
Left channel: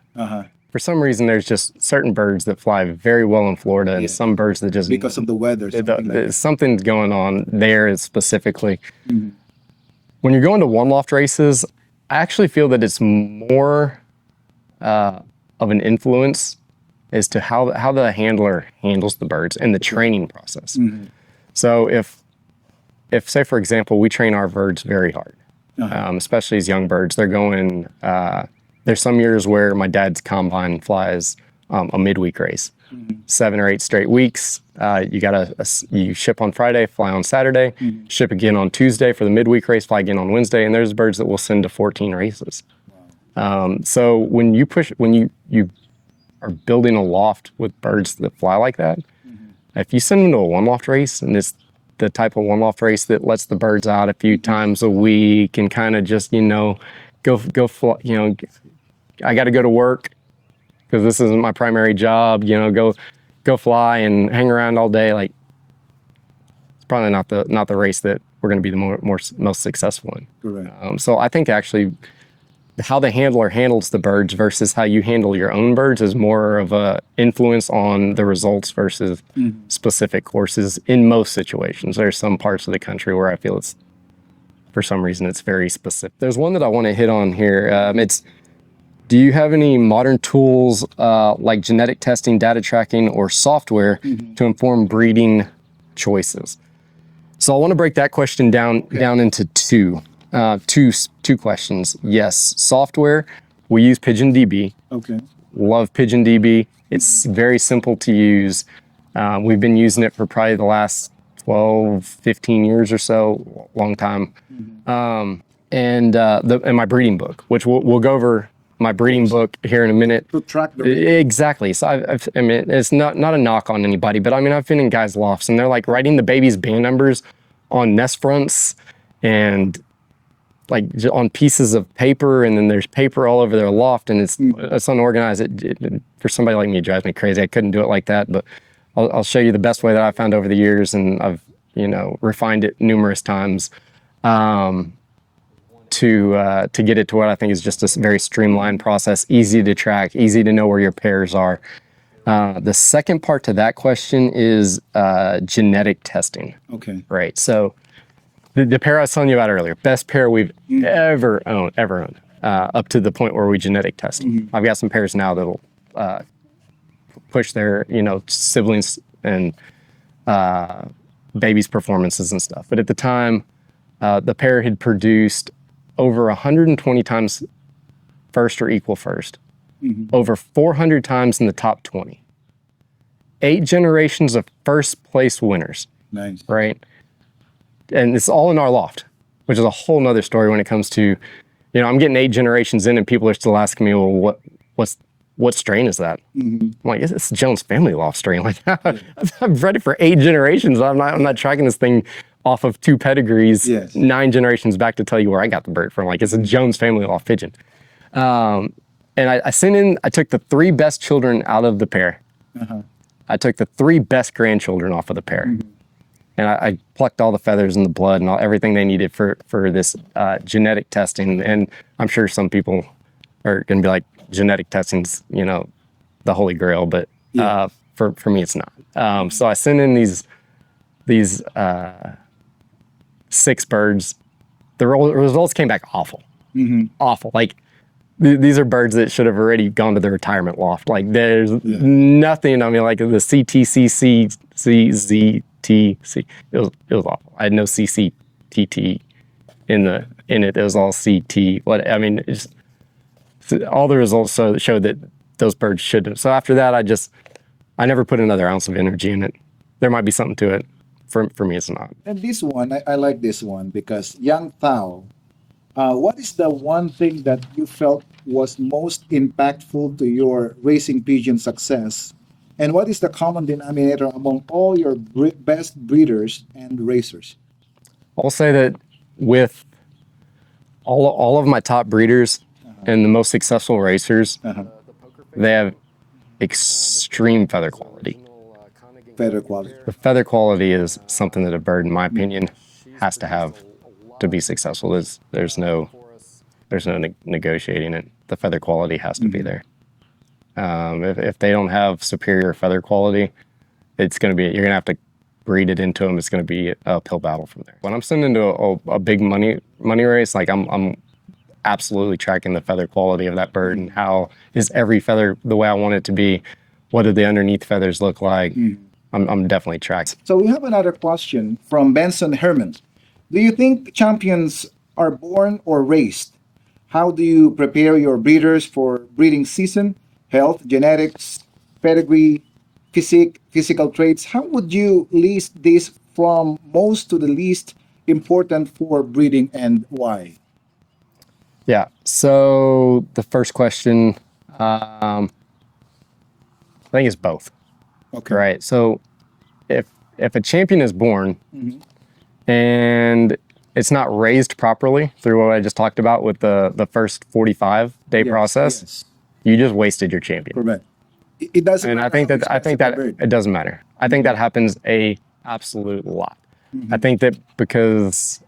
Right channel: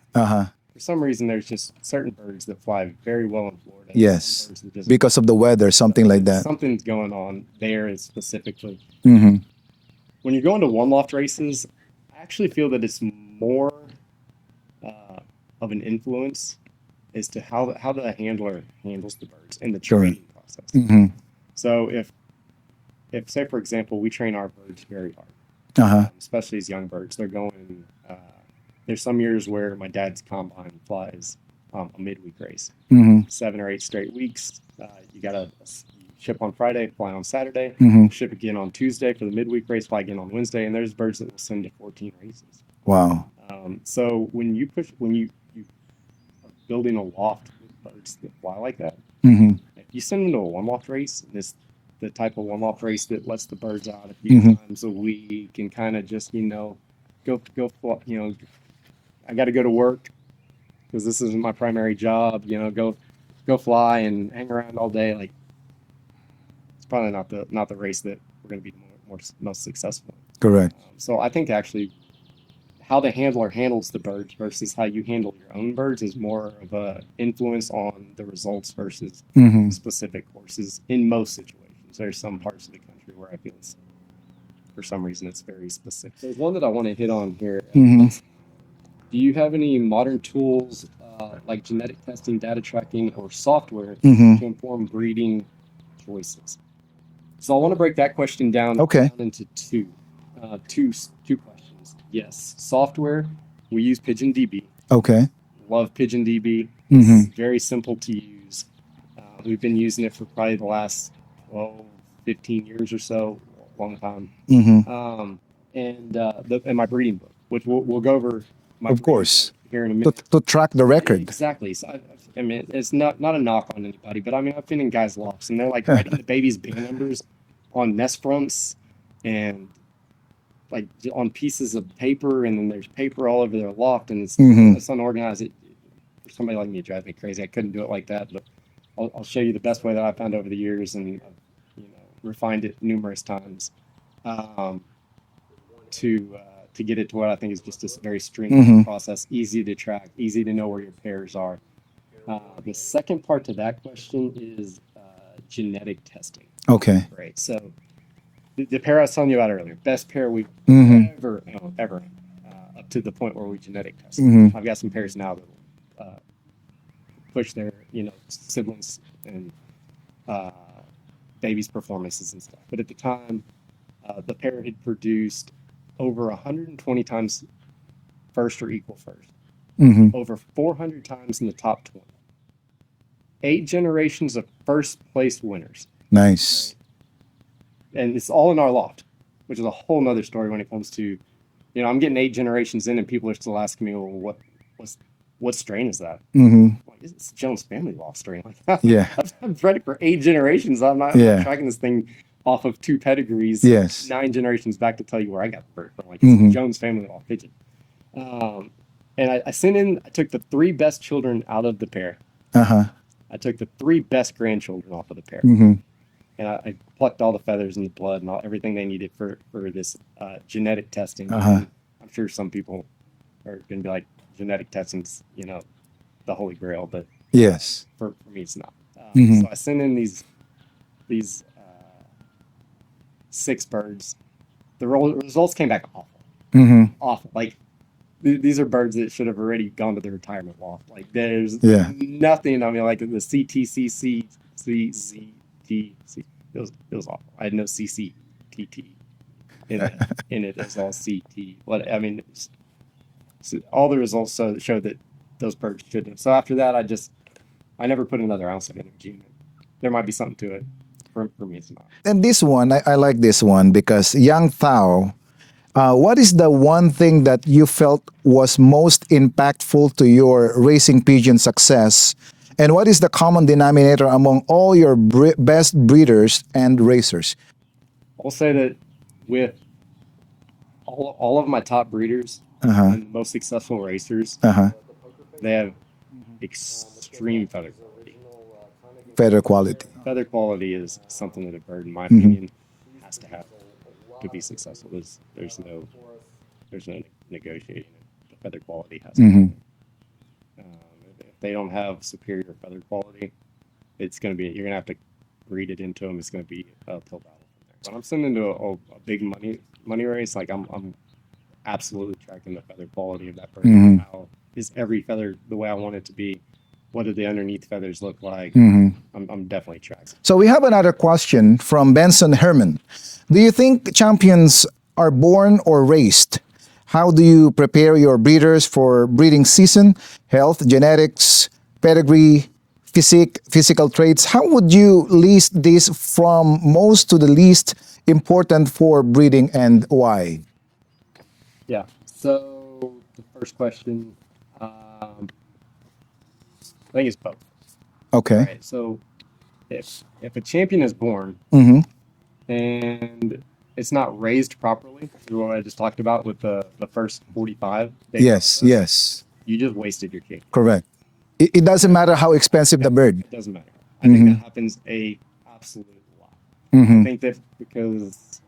For some reason, there's just certain birds that fly very well in Florida, and Yes. some birds that just Because of the weather, something like that. Something's going on there specifically. When you're going to one loft races, I actually feel that it's more of an influence as to how the handler handles the birds and the training process. So if say for example we train our birds very hard, especially as young birds, they're going. There's some years where my dad's combine flies a midweek race, 7 or 8 straight weeks. You ship on Friday, fly on Saturday, ship again on Tuesday for the midweek race, fly again on Wednesday, and there's birds that will send to 14 races. Wow. So when you are building a loft with birds that fly like that, if you send them to a one loft race, and it's the type of one loft race that lets the birds out a few times a week and kind of just go fly, I got to go to work because this isn't my primary job, go fly and hang around all day. Like, it's probably not the race that we're going to be the most successful in. Correct. So I think actually how the handler handles the birds versus how you handle your own birds is more of a influence on the results versus specific courses in most situations. There's some parts of the country where I feel for some reason it's very specific. There's one that I want to hit on here. Do you have any modern tools like genetic testing, data tracking, or software to inform breeding choices? So I want to break that question down into two questions. Yes, software. We use Pigeon DB. Okay. Love Pigeon DB. It's very simple to use. We've been using it for probably the last 12, 15 years or so, long time. And my breeding book, which we'll go over my breeding book here in a minute. To track the record. Exactly. So I mean, it's not a knock on anybody, but I mean, I've been in guys' lofts and they're like writing the baby's band numbers on nest fronts and like on pieces of paper, and then there's paper all over their loft, and it's unorganized. For somebody like me, it drives me crazy. I couldn't do it like that, but I'll show you the best way that I found over the years, and I've refined it numerous times to get it to what I think is just a very streamlined process, easy to track, easy to know where your pairs are. The second part to that question is genetic testing. Okay. Right. So the pair I was telling you about earlier, best pair we've ever owned, up to the point where we genetic test. I've got some pairs now that'll push their siblings and babies' performances and stuff. But at the time, the pair had produced over 120 times first or equal first, over 400 times in the top 20, 8 generations of first place winners. Nice. Right. And it's all in our loft, which is a whole nother story when it comes to, I'm getting 8 generations in and people are still asking me, well, what strain is that? I'm like, it's Jones family loft strain. Like, I've bred it for 8 generations. I'm not tracking this thing off of 2 pedigrees, 9 generations back to tell you where I got the bird from. Like, it's a Jones family loft pigeon. And I sent in, I took the 3 best children out of the pair. I took the 3 best grandchildren off of the pair. And I plucked all the feathers and the blood and everything they needed for this genetic testing. And I'm sure some people are going to be like, genetic testing's, the holy grail, but for me, it's not. So I sent in these 6 birds. The results came back awful. Awful. Like, these are birds that should have already gone to the retirement loft. Like, there's nothing. I mean, like the CTCCZ CTC. It was awful. I had no CCTT in it. It was all CT. What I mean, so all the results showed that those birds should have. So after that, I never put another ounce of energy in it. There might be something to it. For me, it's not. And this one, I like this one because Young Thao, what is the one thing that you felt was most impactful to your racing pigeon success? And what is the common denominator among all your best breeders and racers? I'll say that with all of my top breeders and the most successful racers, they have extreme feather quality. Feather quality. The feather quality is something that a bird, in my opinion, has to have to be successful. There's no negotiating it. The feather quality has to be there. If they don't have superior feather quality, you're gonna have to breed it into them. It's gonna be an uphill battle from there. When I'm sending into a big money race, like I'm absolutely tracking the feather quality of that bird. How is every feather the way I want it to be? What do the underneath feathers look like? I'm definitely tracking. So we have another question from Benson Herman. Do you think champions are born or raised? How do you prepare your breeders for breeding season? Health, genetics, pedigree, physical traits. How would you list this from most to the least important for breeding and why? Yeah. So the first question, I think it's both. Okay. Right. So if a champion is born and it's not raised properly through what I just talked about with the first 45-day process, Yes. you just wasted your champion. Correct. It doesn't And I matter think how that- I expensive think the bird. It doesn't matter. I think that happens a absolute lot. I think that because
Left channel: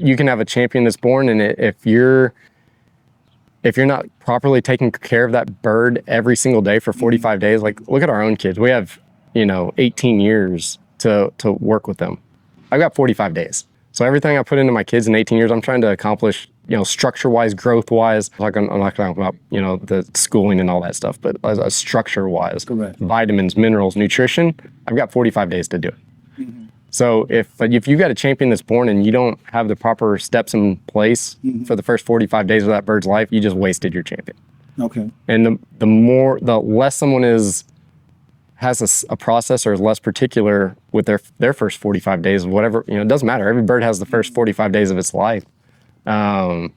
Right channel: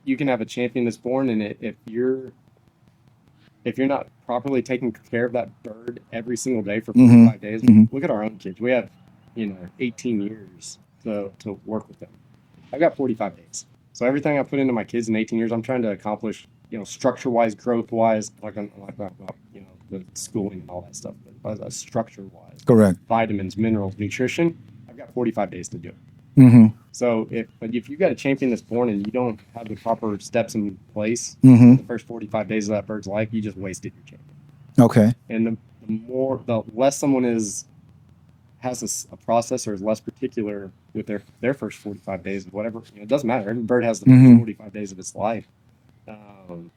you can have a champion that's born, and if you're not properly taking care of that bird every single day for 45 days, like look at our own kids. We have 18 years to work with them. I've got 45 days. So everything I put into my kids in 18 years, I'm trying to accomplish, structure-wise, growth-wise. I'm not talking about, the schooling and all that stuff, but as structure-wise, Correct. vitamins, minerals, nutrition, I've got 45 days to do it. So if you've got a champion that's born and you don't have the proper steps in place for the first 45 days of that bird's life, you just wasted your champion. Okay. And the less someone has a process or is less particular with their first 45 days, whatever, it doesn't matter. Every bird has the first 45 days of its life. A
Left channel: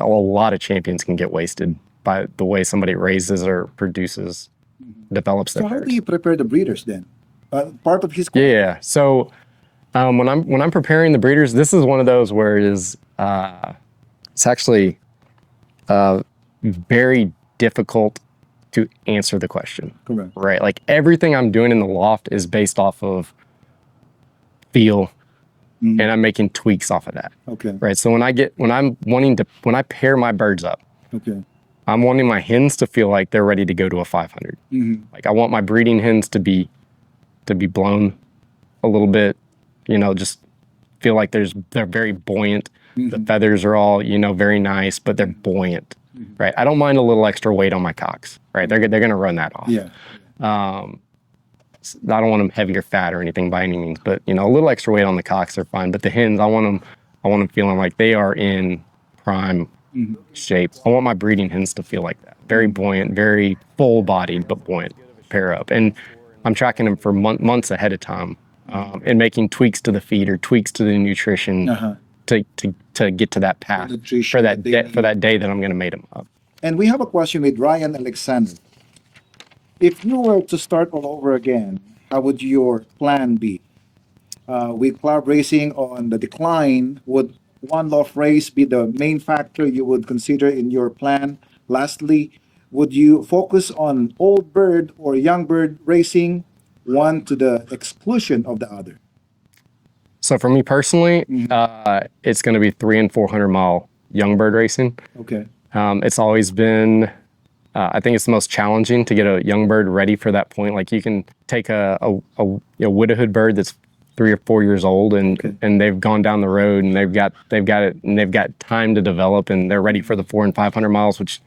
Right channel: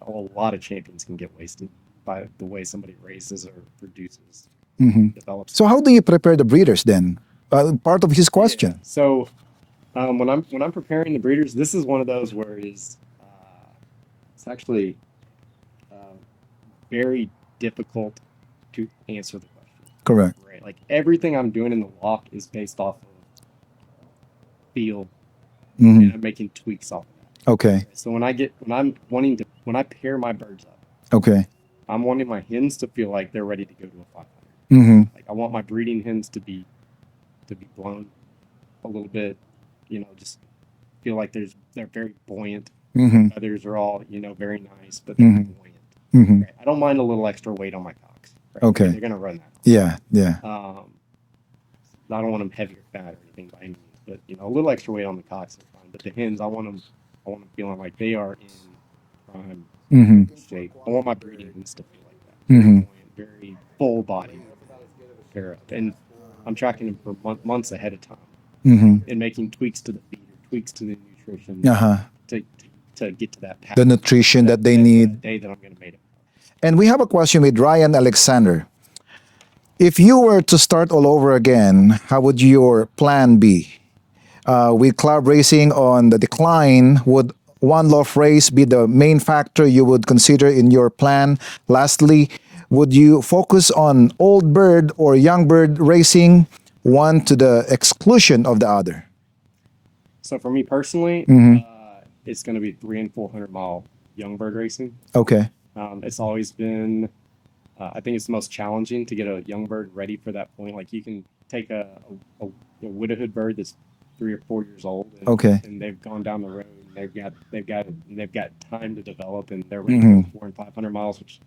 lot of champions can get wasted by the way somebody raises or produces, develops. So how do you prepare the breeders then? Part of his question. Yeah. So when I'm preparing the breeders, this is one of those where it's actually very difficult to answer the question. Correct. Right. Like everything I'm doing in the loft is based off of feel, and I'm making tweaks off of that. Okay. Right. So when I pair my birds up, Okay. I'm wanting my hens to feel like they're ready to go to a 500. Like I want my breeding hens to be blown a little bit, just feel like they're very buoyant. The feathers are all, very nice, but they're buoyant, right? I don't mind a little extra weight on my cocks, right? Okay. They're going to run that off. Yeah. Yeah. I don't want them heavier fat or anything by any means, but a little extra weight on the cocks are fine. But the hens, I want them feeling like they are in prime shape. I want my breeding hens to feel like that. Very buoyant, very full-bodied, but buoyant pair up. And I'm tracking them for months ahead of time and making tweaks to the feed or tweaks to the nutrition to get to that path. The nutrition that they need. For that day that I'm going to mate them up. And we have a question with Ryan Alexander. If you were to start all over again, how would your plan be? With club racing on the decline, would one loft race be the main factor you would consider in your plan? Lastly, would you focus on old bird or young bird racing, one to the exclusion of the other? So for me personally, it's going to be 300 and 400 mile young bird racing. Okay. It's always been, I think it's the most challenging to get a young bird ready for that point. Like you can take a widowhood bird that's 3 or 4 years old and they've gone down the road and they've got it and they've got time to develop and they're ready for the 400 and 500 miles, which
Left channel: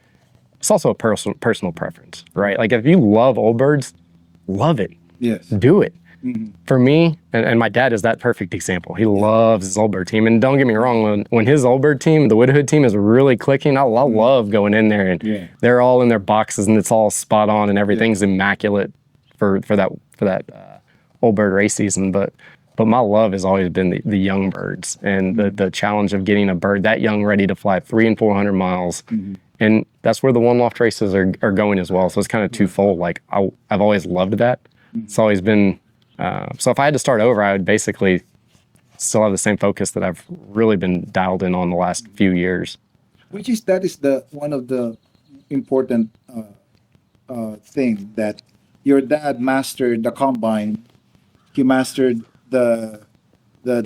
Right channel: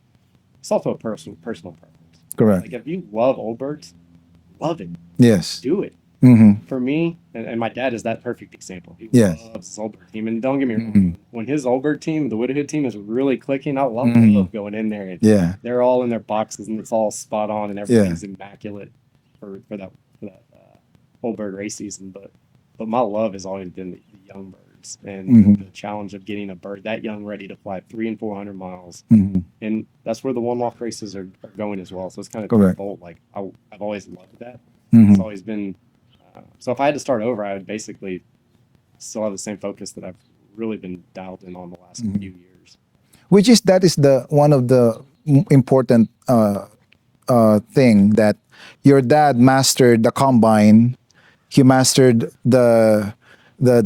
it's also a personal preference, right? Correct. Like if you love old birds, love it. Yes. do it. For me, and my dad is that perfect example. He loves his old bird team. And don't get me wrong, when his old bird team, the widowhood team, is really clicking, I love going in there and Yeah. they're all in their boxes and it's all spot on and everything's immaculate for that old bird race season. But my love has always been the young birds and the challenge of getting a bird that young ready to fly 300 and 400 miles. And that's where the one loft races are going as well. So it's kind of twofold. Like I've always loved that. It's always been, so if I had to start over, I would basically still have the same focus that I've really been dialed in on the last few years. That is the one of the important thing that your dad mastered the combine, he mastered the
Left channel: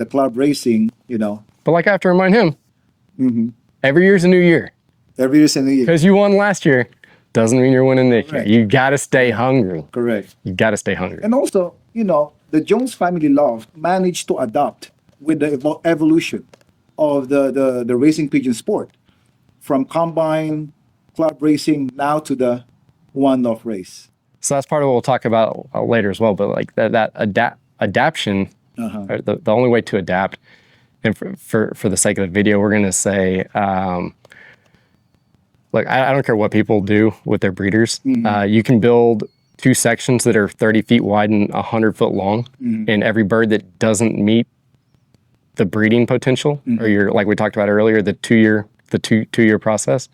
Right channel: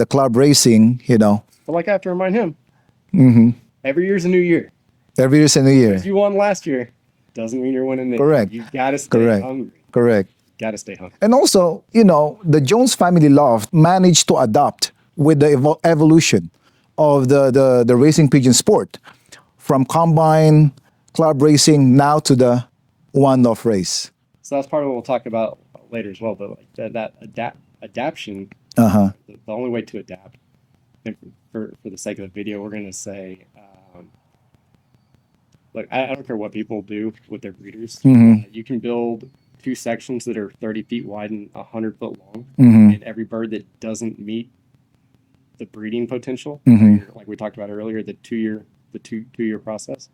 club racing, you know. But like I have to remind him, every year's a new year. Every year's a new year. Because you won last year doesn't mean you're winning next year. You got to stay hungry. Correct. You got to stay hungry. And also, you know, the Jones family loft managed to adapt with the evolution of the racing pigeon sport, from combine, club racing, now to the one-off race. So that's part of what we'll talk about later as well. But like that adaptation, or the only way to adapt, and for the sake of the video, we're going to say, look, I don't care what people do with their breeders. You can build 2 sections that are 30 feet wide and 100 foot long, and every bird that doesn't meet the breeding potential, or like we talked about earlier, the two-year process,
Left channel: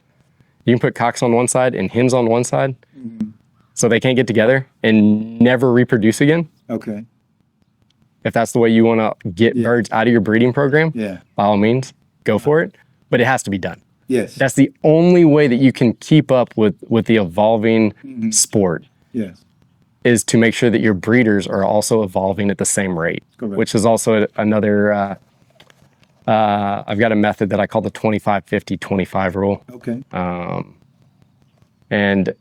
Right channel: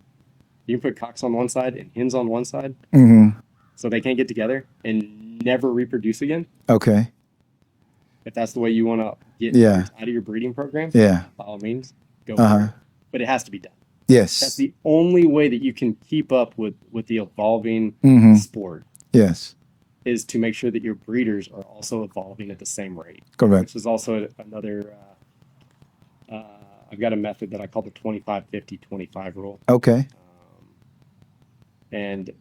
you can put cocks on one side and hens on one side, so they can't get together and never reproduce again. Okay. If that's the way you want to get birds out of your breeding program, by all means, go for it. But it has to be done. Yes. That's the only way that you can keep up with the evolving sport. Yes. Is to make sure that your breeders are also evolving at the same rate. Correct. Which is also another, I've got a method that I call the 25-50-25 rule. Okay. And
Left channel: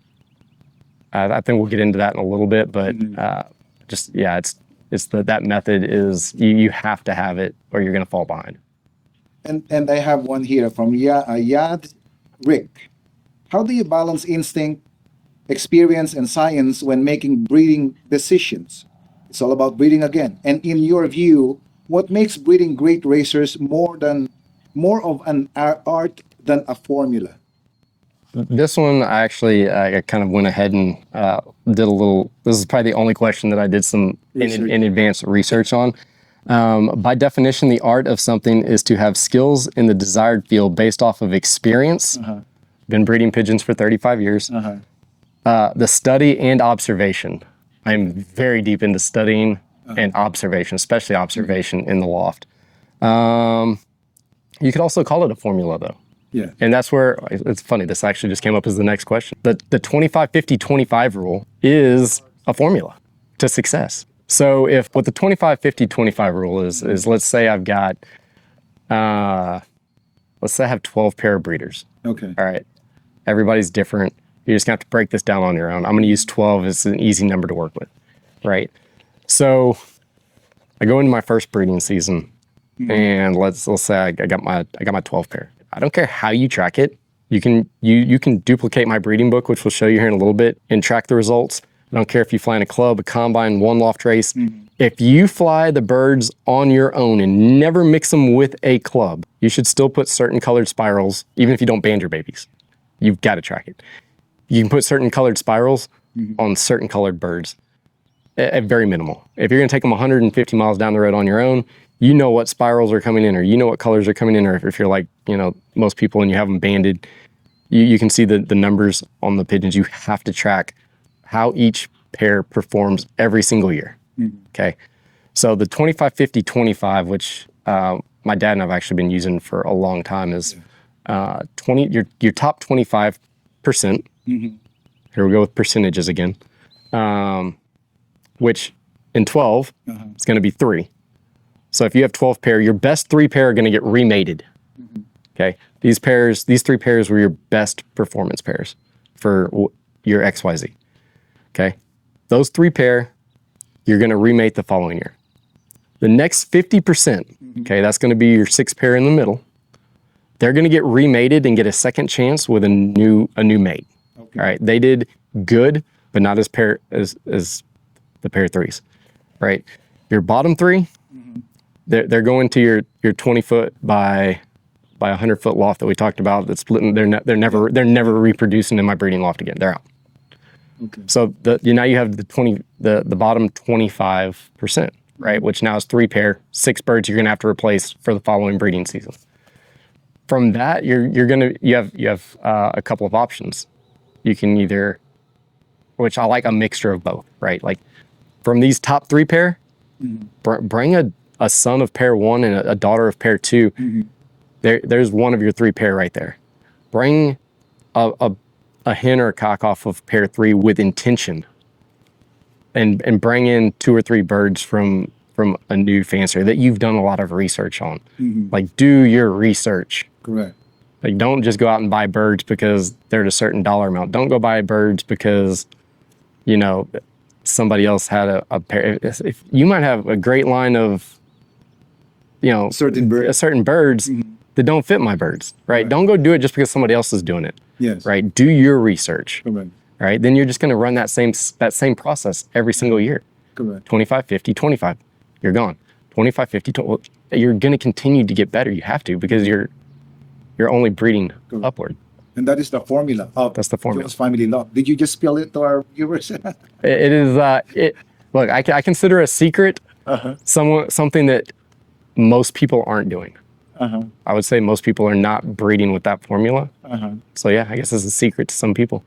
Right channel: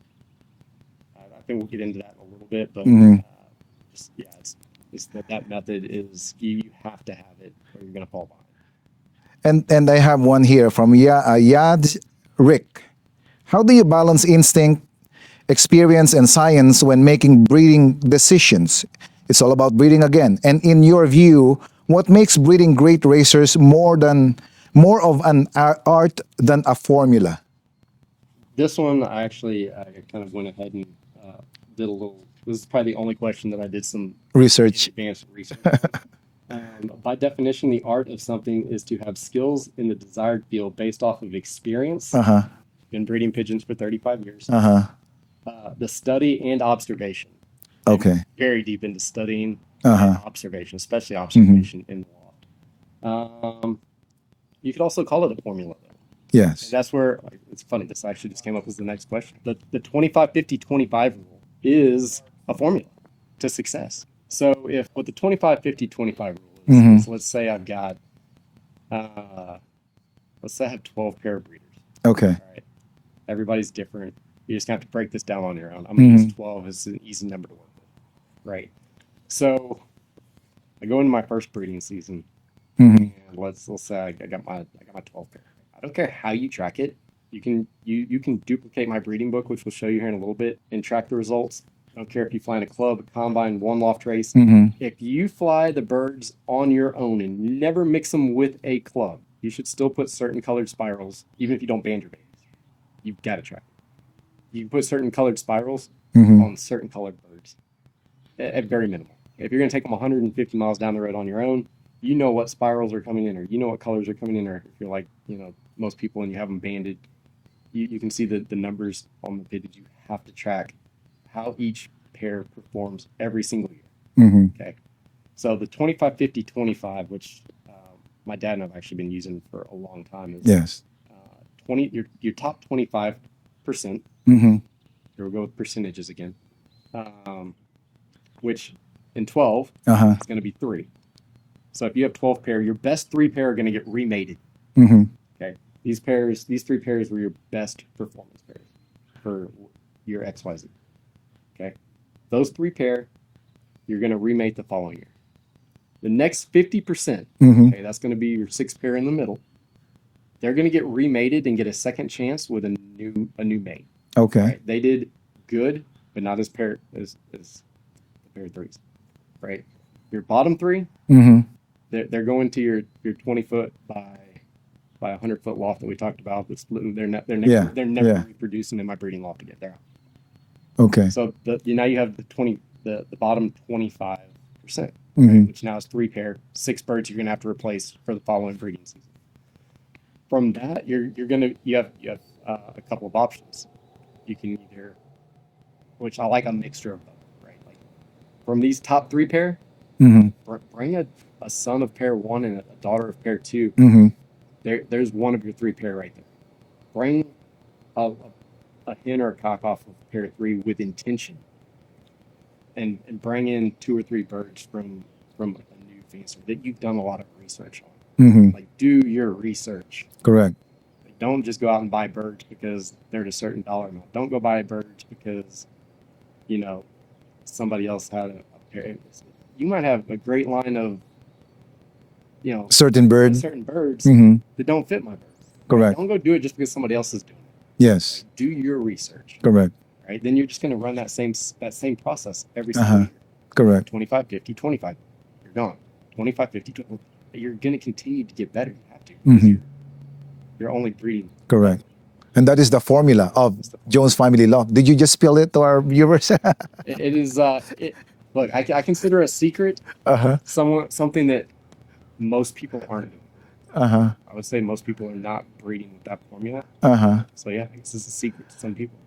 I think we'll get into that in a little bit, but it's that method is you have to have it or you're going to fall behind. And I have one here from Yad Rick. How do you balance instinct, experience, and science when making breeding decisions? It's all about breeding again. And in your view, what makes breeding great racers more of an art than a formula? This one, I kind of went ahead and did a little. This is probably the only question that I did some research in advance research on. By definition, the art of something is to have skills in the desired field based off of experience. Been breeding pigeons for 35 years. The study and observation. I'm very deep into studying and observation, especially observation in the loft. You could also call it a formula, though. Yes. And that's where, it's funny, this actually just came up as the next question. The 25-50-25 rule is a formula to success. So if what the 25-50-25 rule is let's say I've got, let's say I have 12 pair of breeders. Okay. All right. Everybody's different. You're just going to have to break this down on your own. I'm going to use 12 as an easy number to work with, right? So I go into my first breeding season, and let's say I got my 12 pair. I don't care how you track it. You can duplicate my breeding book, which we'll show you here in a little bit, and track the results. I don't care if you fly in a club, a combine, one loft race. If you fly the birds on your own and never mix them with a club, you should still put certain colored spirals, even if you don't band your babies. You've got to track it. You can put certain colored spirals on certain colored birds at very minimal. If you're going to take them 150 miles down the road on your own, you know what spirals are coming in, or you know what colors are coming in, or if you're like, most people and you have them banded, you can see the numbers on the pigeons. You have to track how each pair performs every single year. Okay. So the 25-50-25, which my dad and I've actually been using for a long time, is your top 25%. Here we go with percentages again. Which in 12, it's going to be 3. So if you have 12 pair, your best 3 pair are going to get remated. Okay. These 3 pairs were your best performance pairs for your XYZ. Okay. Those 3 pair, you're going to remate the following year. The next 50%, okay, that's going to be your 6 pair in the middle. They're going to get remated and get a second chance with a new mate. Okay. All right. They did good, but not as the pair threes, right? Your bottom three, they're going to your 20 foot by 100 foot loft that we talked about. That's splitting. They're never reproducing in my breeding loft again. They're out. Okay. So now you have the bottom 25%, right? Which now is 3 pair, 6 birds you're gonna have to replace for the following breeding season. From that, you have a couple of options. You can either, which I like a mixture of both, right? Like from these top 3 pair, bring a son of pair 1 and a daughter of pair 2. There's one of your 3 pair right there. Bring a hen or a cock off of pair 3 with intention, and bring in 2 or 3 birds from a new fancier that you've done a lot of research on. Like, do your research. Correct. Like, don't just go out and buy birds because they're at a certain dollar amount. Don't go buy birds because, somebody else had a pair. If you might have a great line of, certain birds that don't fit my birds, right? Correct. Don't go do it just because somebody else is doing it. Yes. Right? Do your research. Correct. Right? Then you're just going to run that same process every single year. Correct. 25, 50, 25. You're gone. 25, 50, 20. Well, you're going to continue to get better. You have to, because you're only breeding Correct. upward. And that is the formula of That's the formula. Jones Family Loft. Did you just spill it to our viewers? It is. Look, I consider a secret something that most people aren't doing. I would say most people are not breeding with that formula. So yeah, I guess it's a secret to some people.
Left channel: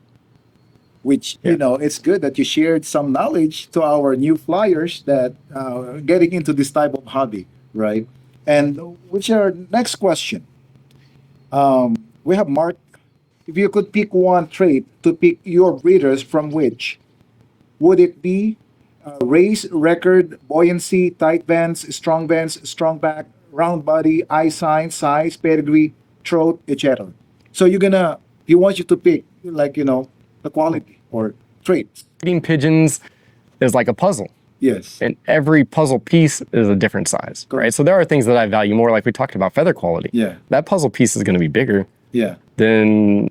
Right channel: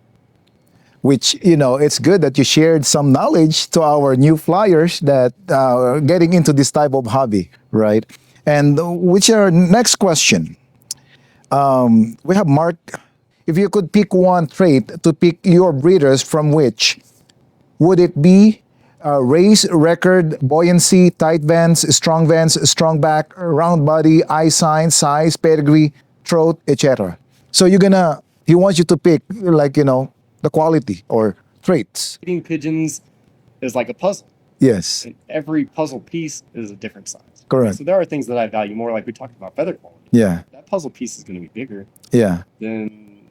Which, it's good that you shared some knowledge to our new flyers that getting into this type of hobby, right? And which our next question. We have Mark. If you could pick one trait to pick your breeders from, which would it be? Race, record, buoyancy, tight vents, strong back, round body, eye sign, size, pedigree, throat, etc. So he wants you to pick, the quality or traits. Breeding pigeons is like a puzzle. Yes. And every puzzle piece is a different size. Correct. Right? So there are things that I value more, like we talked about feather quality. Yeah. That puzzle piece is going to be bigger. Yeah. Than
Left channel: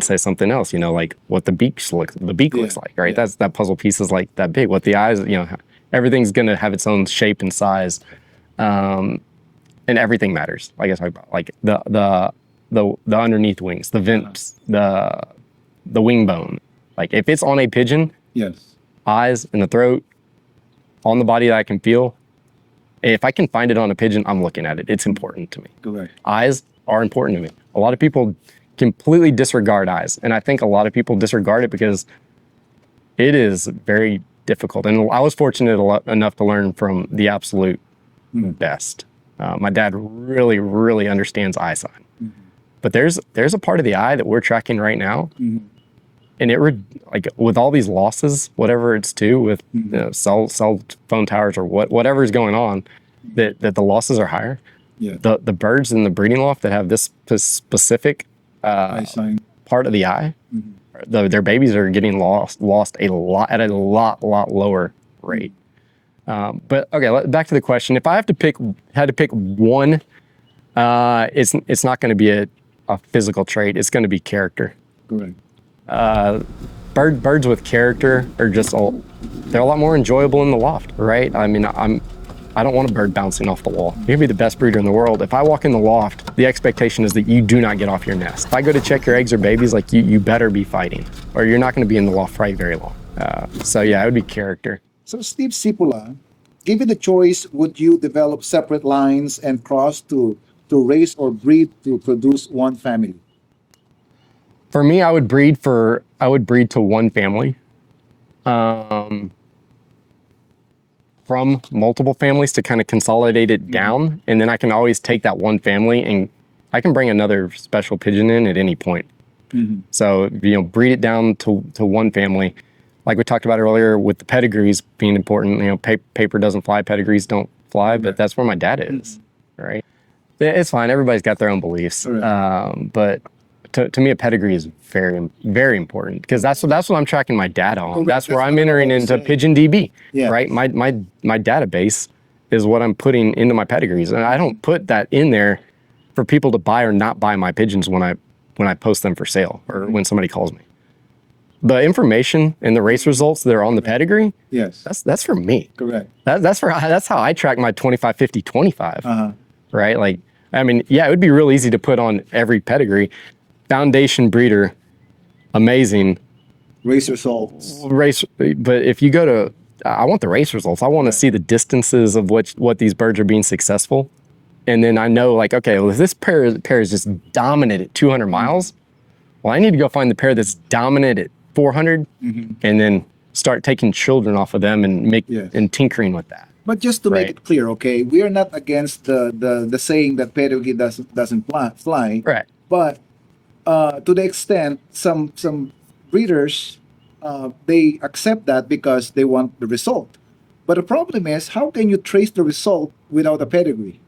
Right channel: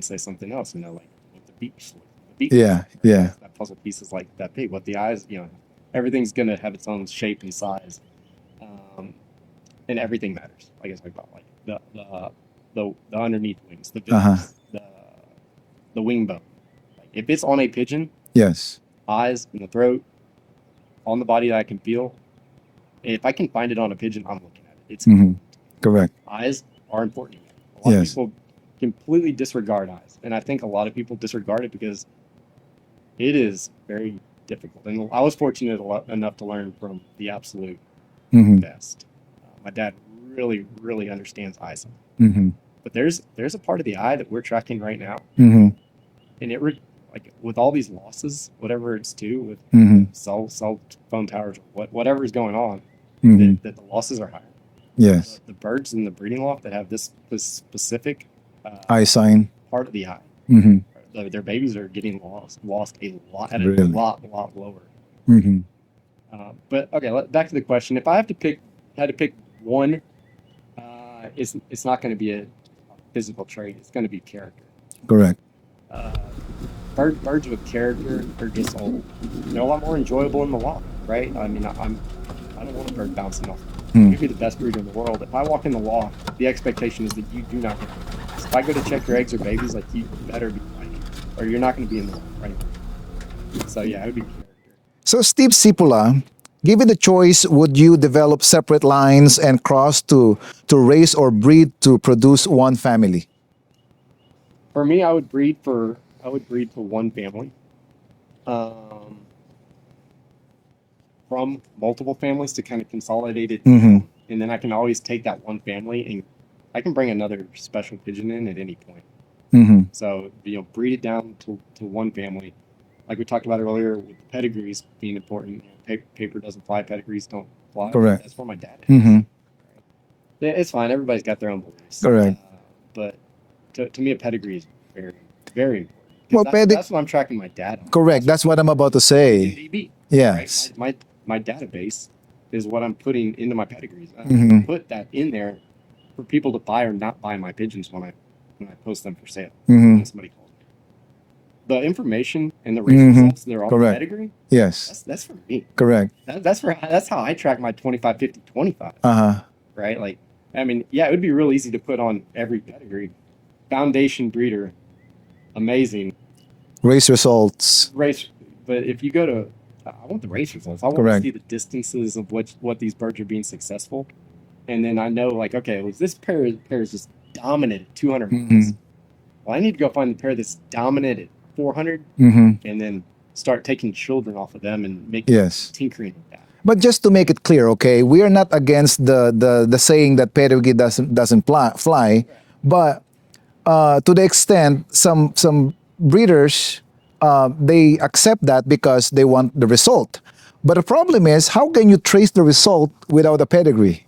say something else, like what the beak looks like, right? Yeah. That puzzle piece is like that big. What the eyes, everything's gonna have its own shape and size, and everything matters. Like I talked about, like the underneath wings, the vents, the wing bone. Like if it's on a pigeon, Yes. eyes and the throat, on the body that I can feel. If I can find it on a pigeon, I'm looking at it. It's important to me. Correct. Eyes are important to me. A lot of Yes. people completely disregard eyes. And I think a lot of people disregard it because it is very difficult. And I was fortunate enough to learn from the absolute best. My dad really, really understands eye sign. But there's a part of the eye that we're tracking right now. And like with all these losses, whatever it's to with cell phone towers or whatever is going on, that the losses are higher. Yes. The birds in the breeding loft that have this specific eye sign part of the eye, their babies are getting lost a lot at a lot lower rate. But okay, back to the question. If I had to pick one, it's not going to be a physical trait. It's going to be character. Correct. Birds with character are they're a lot more enjoyable in the loft, right? I mean, I don't want a bird bouncing off the wall. You can be the best breeder in the world. If I walk in the loft, the expectation is that you do not get off your nest. If I go to check your eggs or babies, like you better be fighting, or you're not going to be in the loft for very long. So yeah, it would be character. So Steve Cipula, given the choice, would you develop separate lines and cross to raise or breed to produce one family? For me, I would breed to one family. From multiple families to kind of consolidate it down, and then I can always take that one family and I can bring another special pigeon in at any point. So breed it down to one family, like we talked about earlier with the pedigrees being important. Paper doesn't fly, pedigrees don't fly. Correct. But that's where my dad is, right? It's fine. Everybody's got their own beliefs, but to me, a pedigree is very, very important because that's what I'm tracking my data on. Correct. That's where I'm what entering about to into say. Pigeon DB, Yes. right? My database is what I'm putting into my pedigrees, and I don't put that in there for people to buy or not buy my pigeons when I post them for sale or when somebody calls me. the information and the race results that are on the Correct. pedigree, Yes. that's for me. Correct. That's how I track my 25, 50, 25. Uh-huh. Right? Like, I mean, yeah, it would be real easy to put on every pedigree. Foundation breeder, amazing. Race results. Race, but if you go to, I want the race results. I want to Correct. see the distances of what these birds are being successful. And then I know, like, okay, well, if this pair is just dominant at 200 miles, well, I need to go find the pair that's dominant at 400 and then start taking children off of them and Yes. and tinkering with that. But just to make Right. it clear, okay, we are not against the saying that pedigree doesn't fly. Right. But to the extent some breeders they accept that because they want the result. But the problem is, how can you trace the result without a pedigree?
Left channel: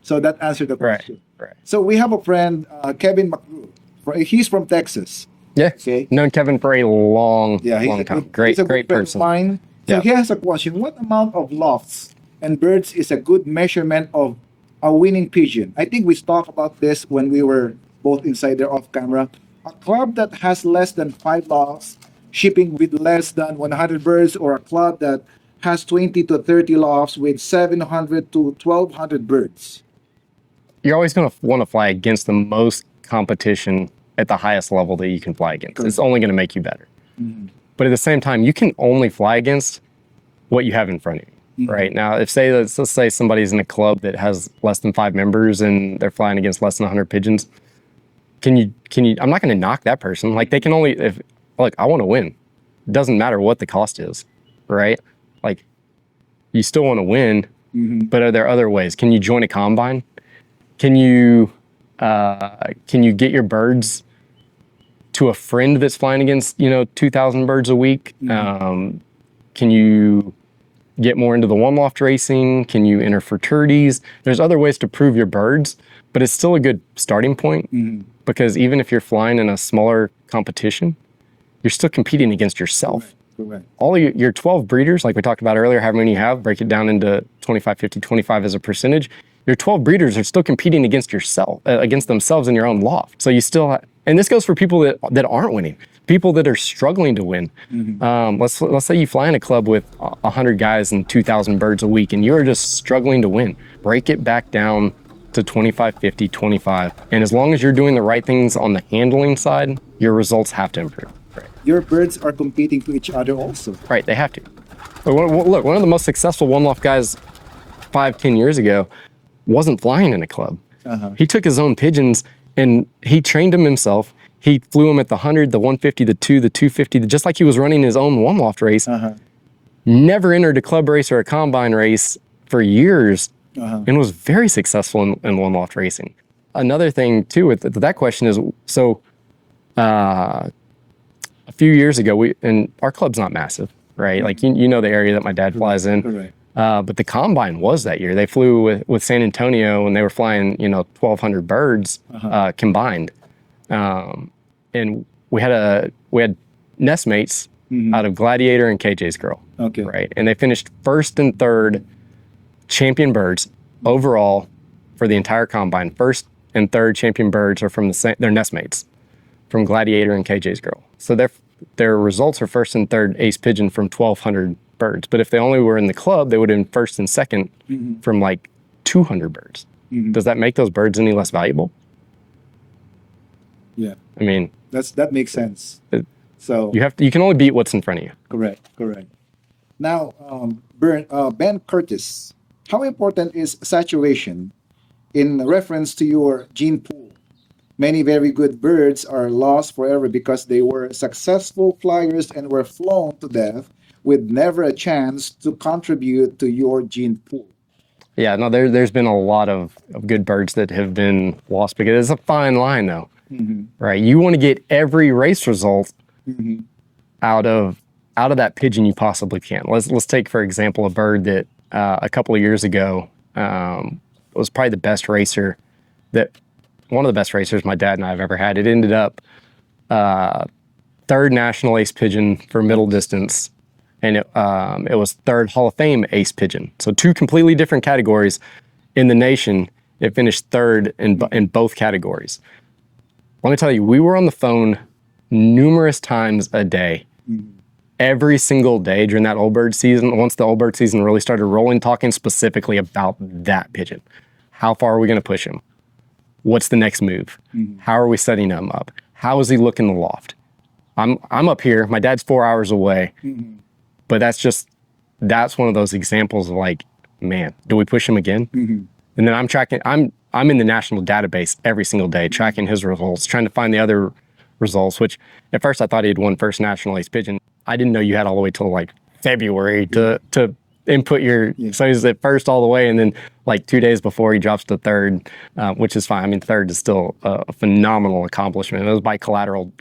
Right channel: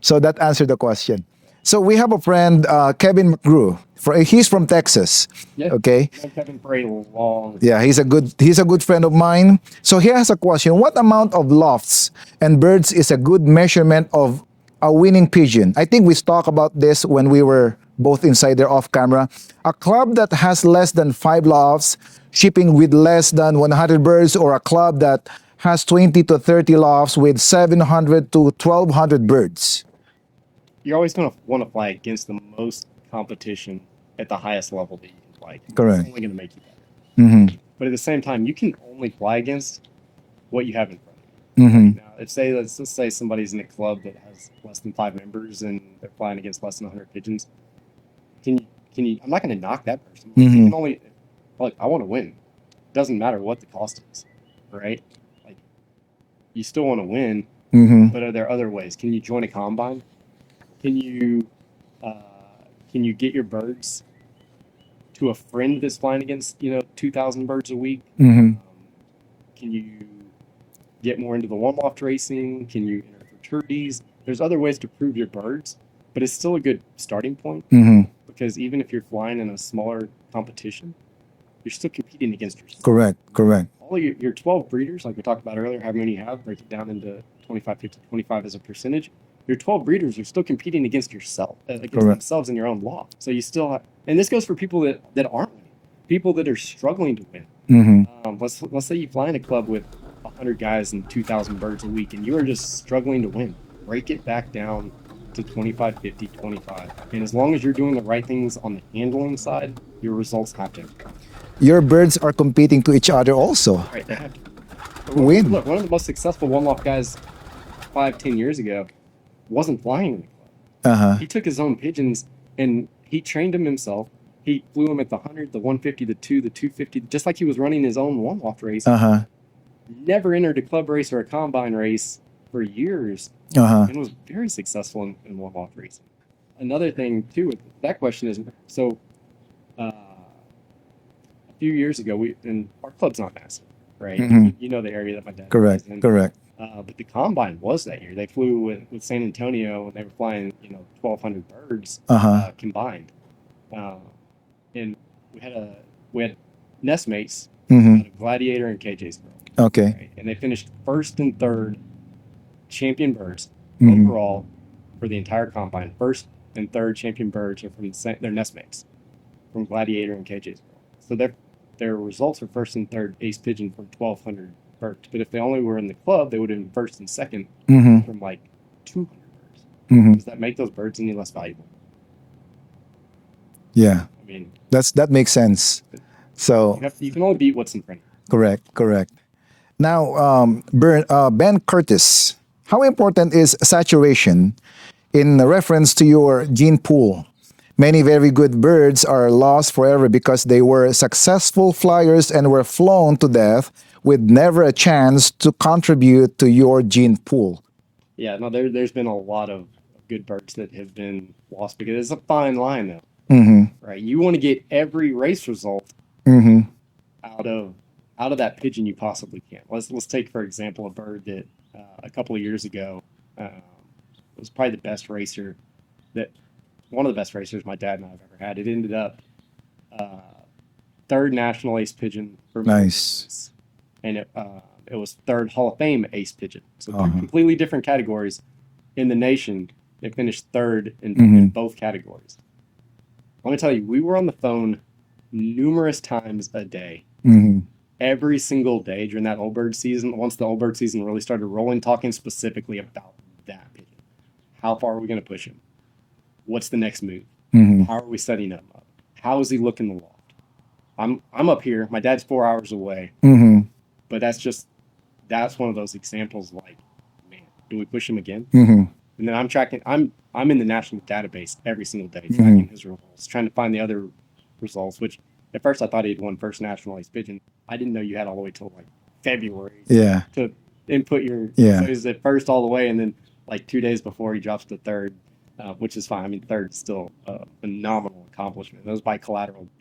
So that answered the question. Right. So we have a friend, Kevin McGrew. He's from Texas. Yeah. Okay. Known Kevin for a long. Yeah, he's long a time. good Great- he's a good great friend person. of mine. So Yeah. he has a question: what amount of lofts and birds is a good measurement of a winning pigeon? I think we talked about this when we were both inside there off camera. A club that has less than 5 lofts, shipping with less than 100 birds, or a club that has 20 to 30 lofts with 700 to 1200 birds. You're always going to want to fly against the most competition at the highest level that you can fly against. Correct. It's only going to make you better. But at the same time, you can only fly against what you have in front of you. Right now, if let's say somebody's in a club that has less than 5 members and they're flying against less than 100 pigeons, can you? I'm not going to knock that person. Like they can only look. I want to win. It doesn't matter what the cost is, right? Like you still want to win, but are there other ways? Can you join a combine? Can you get your birds to a friend that's flying against 2,000 birds a week? Can you get more into the one loft racing? Can you enter fraternities? There's other ways to prove your birds, but it's still a good starting point because even if you're flying in a smaller competition, you're still competing against yourself. Correct. All of your 12 breeders, like we talked about earlier, however many you have, break it down into 25, 50, 25 as a percentage. Your 12 breeders are still competing against yourself, against themselves in your own loft. So you still, and this goes for people that aren't winning, people that are struggling to win. Let's say you fly in a club with 100 guys and 2,000 birds a week, and you're just struggling to win. Break it back down to 25, 50, 25. And as long as you're doing the right things on the handling side, your results have to improve. Your birds are competing to each other also. Right, they have to. Look, one of the most successful one-loft guys 5-10 years ago wasn't flying in a club. He took his own pigeons and he trained them himself. He flew them at the 100, the 150, the 2, the 250, just like he was running his own one-loft race. Never entered a club race or a combine race for years and was very successful in one-loft racing. Another thing, too, with that question is, so a few years ago, and our club's not massive, right? Like, you know the area that my dad flies in. Correct. But the combine was that year. They flew with San Antonio and they were flying, 1,200 birds combined. And we had nest mates out of Gladiator and KJ's Girl. Okay. Right. And they finished first and third champion birds overall for the entire combine. First and third champion birds are from their nest mates from Gladiator and KJ's Girl. So their results are first and third ace pigeon from 1,200 birds. But if they only were in the club, they would have been first and second from like 200 birds. Does that make those birds any less valuable? Yeah. I mean, That makes sense. So you can only beat what's in front of you. correct. Now, Ben Curtis, how important is saturation in reference to your gene pool? Many very good birds are lost forever because they were successful flyers and were flown to death with never a chance to contribute to your gene pool. Yeah, no, there's been a lot of good birds that have been lost because it's a fine line, though. Right? You want to get every race result out of that pigeon you possibly can. Let's take, for example, a bird that a couple of years ago was probably the best racer one of the best racers my dad and I have ever had. It ended up third national ace pigeon for middle distance, and it was third Hall of Fame ace pigeon. So two completely different categories in the nation. It finished third in both categories. Let me tell you, we were on the phone numerous times a day. Every single day during that old bird season, once the old bird season really started rolling, talking specifically about that pigeon. How far are we going to push him? What's the next move? How are we setting him up? How does he look in the loft? I'm up here. My dad's 4 hours away. But that's one of those examples of like, man, do we push him again? And then I'm tracking. I'm in the national database every single day, tracking his results, trying to find the other results. Which at first I thought he had won first national ace pigeon. I didn't know you had all the way till like February to input your. So he's at first all the way, and then like 2 days before he drops to third, which is fine. I mean, third is still a phenomenal accomplishment. It was by collateral.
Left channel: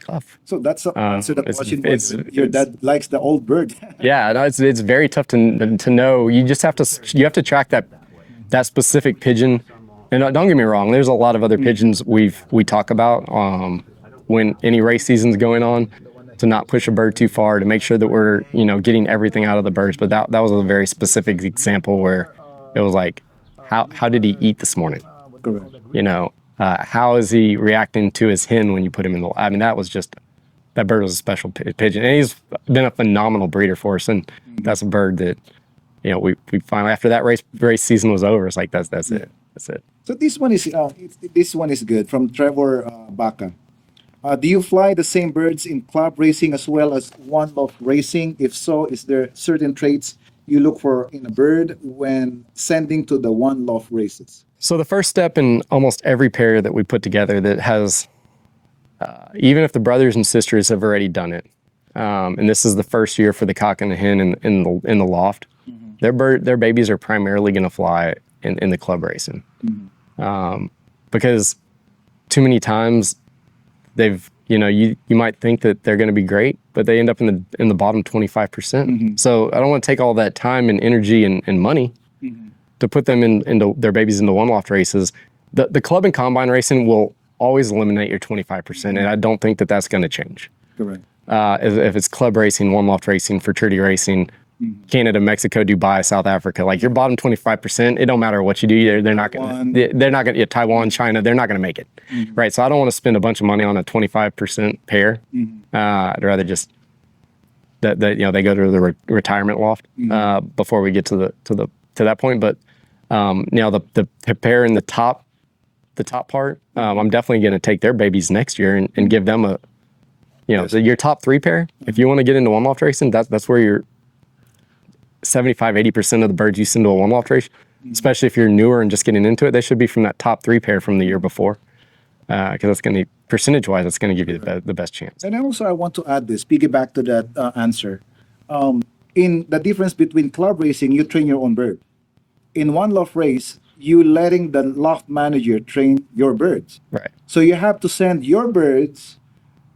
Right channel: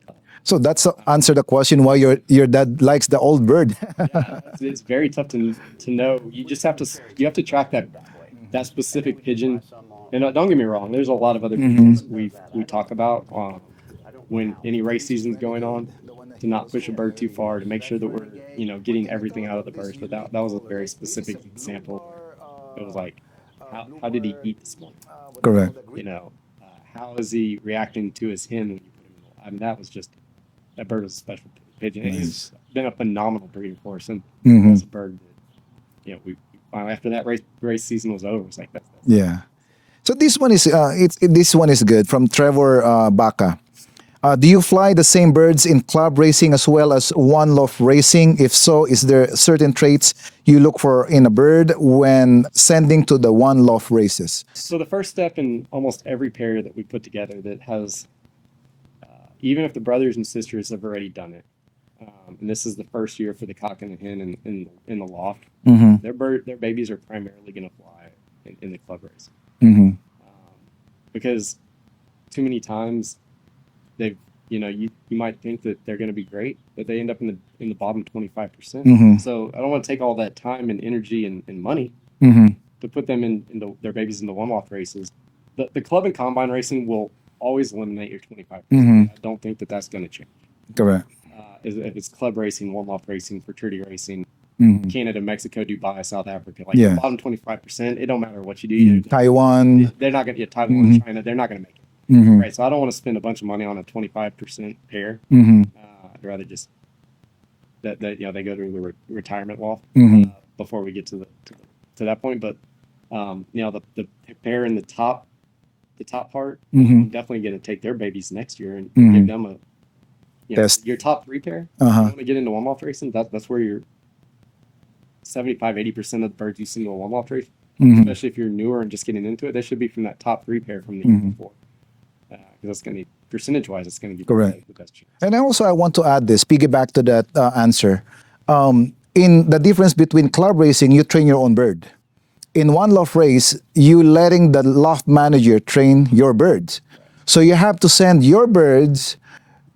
So that's answer the question why your dad likes the old bird. Yeah, no, it's very tough to know. You just have to track that specific pigeon. And don't get me wrong, there's a lot of other pigeons we talk about when any race season's going on, to not push a bird too far, to make sure that we're getting everything out of the birds. But that was a very specific example where it was like, how did he eat this morning? Correct. How is he reacting to his hen when you put him in the? I mean, that bird was a special pigeon, and he's been a phenomenal breeder for us. And that's a bird that we finally, after that race season was over, it's like that's it. That's it. So this one is this one is good from Trevor Baca. Do you fly the same birds in club racing as well as one loft racing? If so, is there certain traits you look for in a bird when sending to the one loft races? So the first step in almost every pair that we put together that has, even if the brothers and sisters have already done it, and this is the first year for the cock and the hen in the loft, their babies are primarily going to fly in the club racing, because too many times they've you might think that they're going to be great, but they end up in the bottom 25%. So I don't want to take all that time and energy and money to put them into their babies into one loft races. The club and combine racing will always eliminate your 25%, and I don't think that that's going to change. Correct. If it's club racing, one loft racing, fraternity racing, Canada, Mexico, Dubai, South Africa, like your bottom 25%, it don't matter what you do. They're Taiwan. They're not going to, Taiwan, China, they're not going to make it. Right. So I don't want to spend a bunch of money on a 25% pair. I'd rather just that they go to the retirement loft before we get to that point. But the pair in the top part, I'm definitely going to take their babies next year and give them a your top three pair. If you want to get into one loft racing, that's where you're 75-80% of the birds you send to a one loft race, especially if you're newer and just getting into it, they should be from that top three pair from the year before, because that's going to, percentage wise, it's going to give you the best chance. And I want to add this, piggyback to that answer. In the difference between club racing, you train your own bird. In one loft race, you letting the loft manager train your birds. Right. So you have to send your birds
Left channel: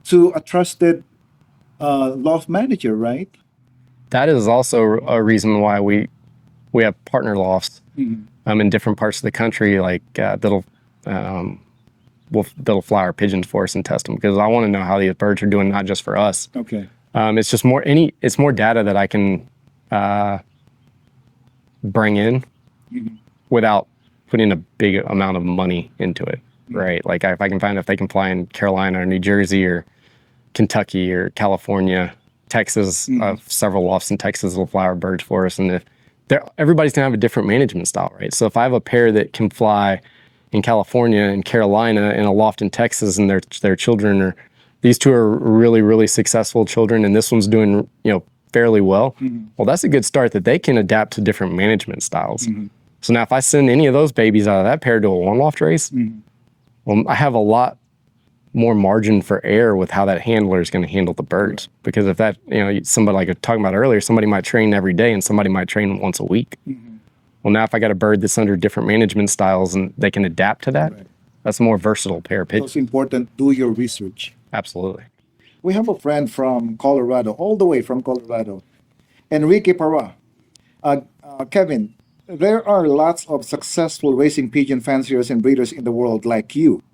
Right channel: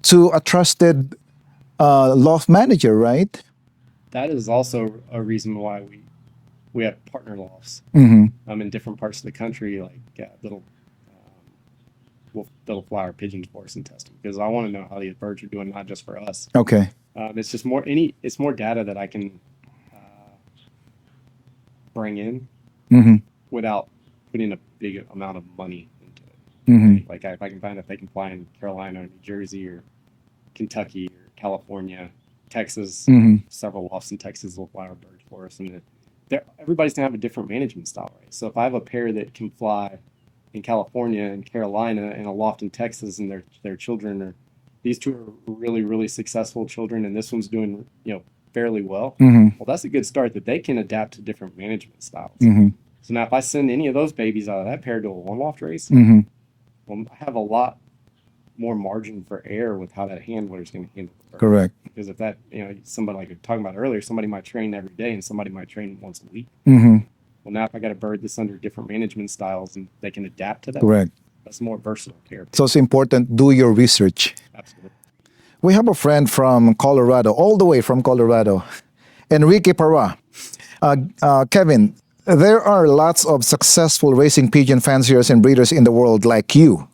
to a trusted loft manager, right? That is also a reason why we have partner lofts in different parts of the country, like that'll fly our pigeons for us and test them, because I want to know how these birds are doing, not just for us. Okay. It's just more data that I can bring in without putting a big amount of money into it, right? Like if I can find if they can fly in Carolina or New Jersey or Kentucky or California, Texas, several lofts in Texas will fly our birds for us, and everybody's gonna have a different management style, right? So if I have a pair that can fly in California and Carolina in a loft in Texas, and their children are, these two are really, really successful children, and this one's doing fairly well, well, that's a good start that they can adapt to different management styles. So now if I send any of those babies out of that pair to a one loft race, well, I have a lot more margin for error with how that handler is going to handle the birds. Correct. Because if that, somebody like I was talking about earlier, somebody might train every day and somebody might train once a week. Well, now if I got a bird that's under different management styles and they can adapt to that, Correct. That's a more versatile pair of pigeons. So it's important, do your research. Absolutely. We have a friend from Colorado, all the way from Colorado, Enrique Parra. Kevin, there are lots of successful racing pigeon fanciers and breeders in the world like you.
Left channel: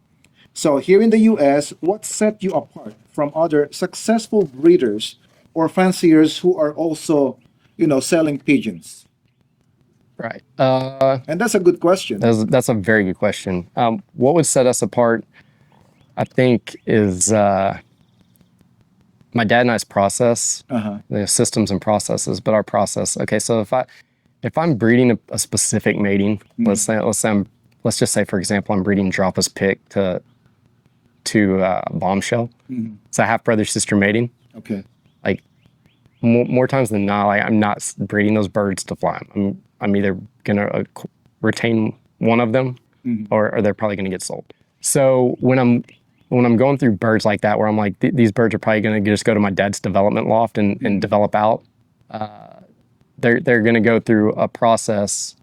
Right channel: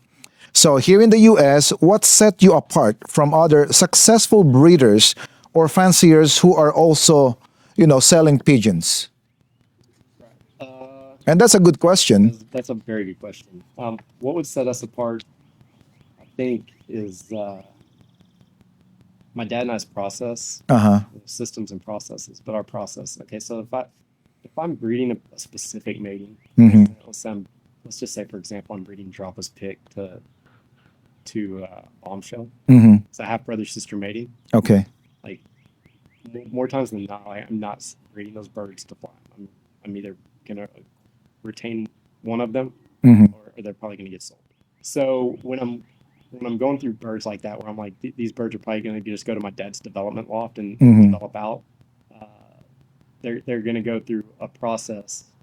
So here in the U.S., what set you apart from other successful breeders or fanciers who are also, selling pigeons? Right. And that's a good question. That's a very good question. What would set us apart, I think, is my dad and I's process, Uh-huh. the systems and processes, but our process. Okay, so if I'm breeding a specific mating, let's just say, for example, I'm breeding Dropa's pick to bombshell. It's a half brother sister mating. Okay. Like more times than not, like, I'm not breeding those birds to fly 'em. I'm either gonna retain one of them, or they're probably gonna get sold. So when I'm going through birds like that, where I'm like, these birds are probably gonna just go to my dad's development loft and develop out. They're gonna go through a process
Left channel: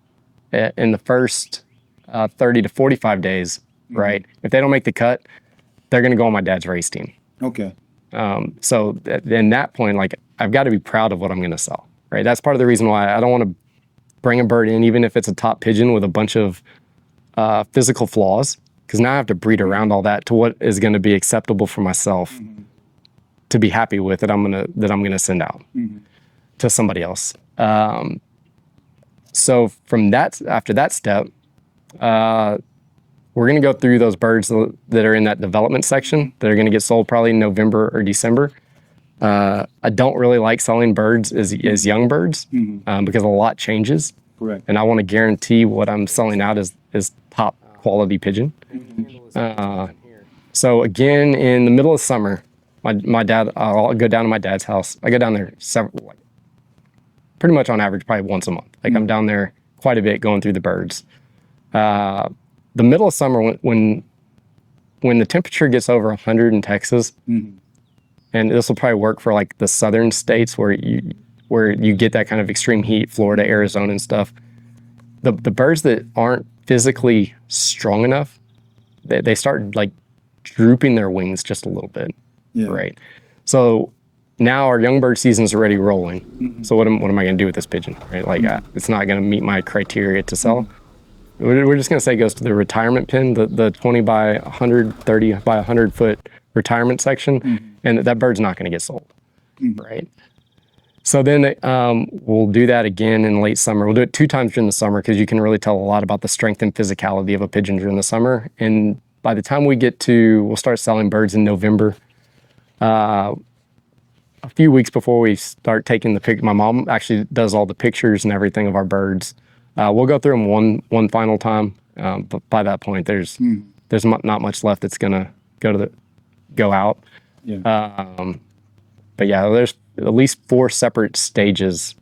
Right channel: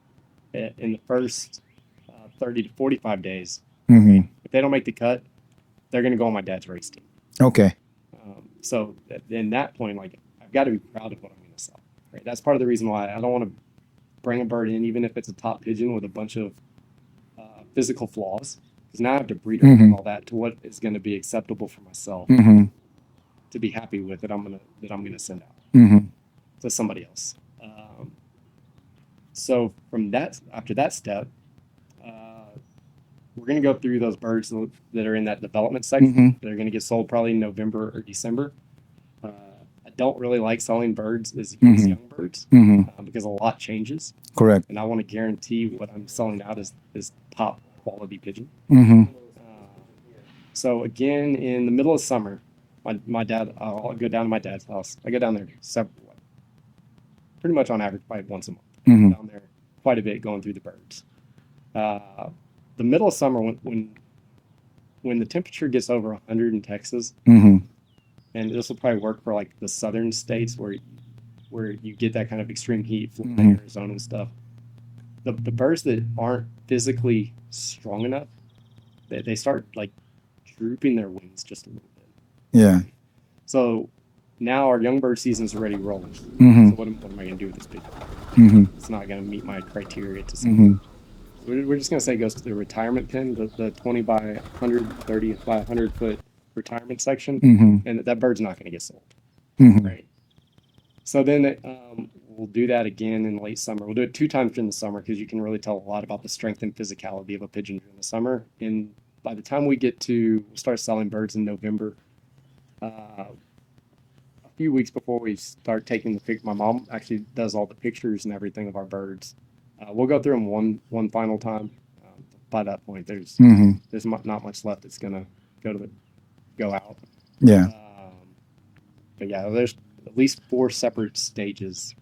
in the first 30 to 45 days, right? If they don't make the cut, they're gonna go on my dad's race team. Okay. So in that point, like, I've got to be proud of what I'm going to sell, right? That's part of the reason why I don't want to bring a bird in, even if it's a top pigeon with a bunch of physical flaws, because now I have to breed around all that to what is going to be acceptable for myself to be happy with that I'm gonna send out to somebody else. So after that step, we're going to go through those birds that are in that development section that are going to get sold probably in November or December. I don't really like selling birds as young birds because a lot changes. Correct. And I want to guarantee what I'm selling out is top quality pigeon. So again, in the middle of summer, my dad, I'll go down to my dad's house. I go down there pretty much on average, probably once a month. Like I'm down there quite a bit going through the birds. The middle of summer, when the temperature gets over 100 in Texas, and this will probably work for like the southern states where you get that kind of extreme heat, Florida, Arizona, and stuff. The birds that aren't physically strong enough, they start like drooping their wings just a little bit. Yeah. Right. So now our young bird season's already rolling. So what am I going to do with this pigeon? Right. Like it's not going to meet my criteria to sell. We're just going to say it goes to the retirement pen, the 20 by 100, 30 by 100 foot retirement section, and that bird's not going to get sold, right? So then we'll do that again in late summer. We'll do it 2 times during the summer because you can really tell a lot about the strength and physicality of a pigeon during the summer. And by the time we'll start selling birds in November. A few weeks before we start taking the pic, my mom actually does all the pictures and everything of our birds. We'll go through them one final time, but by that point, there's not much left that's gonna go out. Yeah. But yeah, there's at least 4 separate stages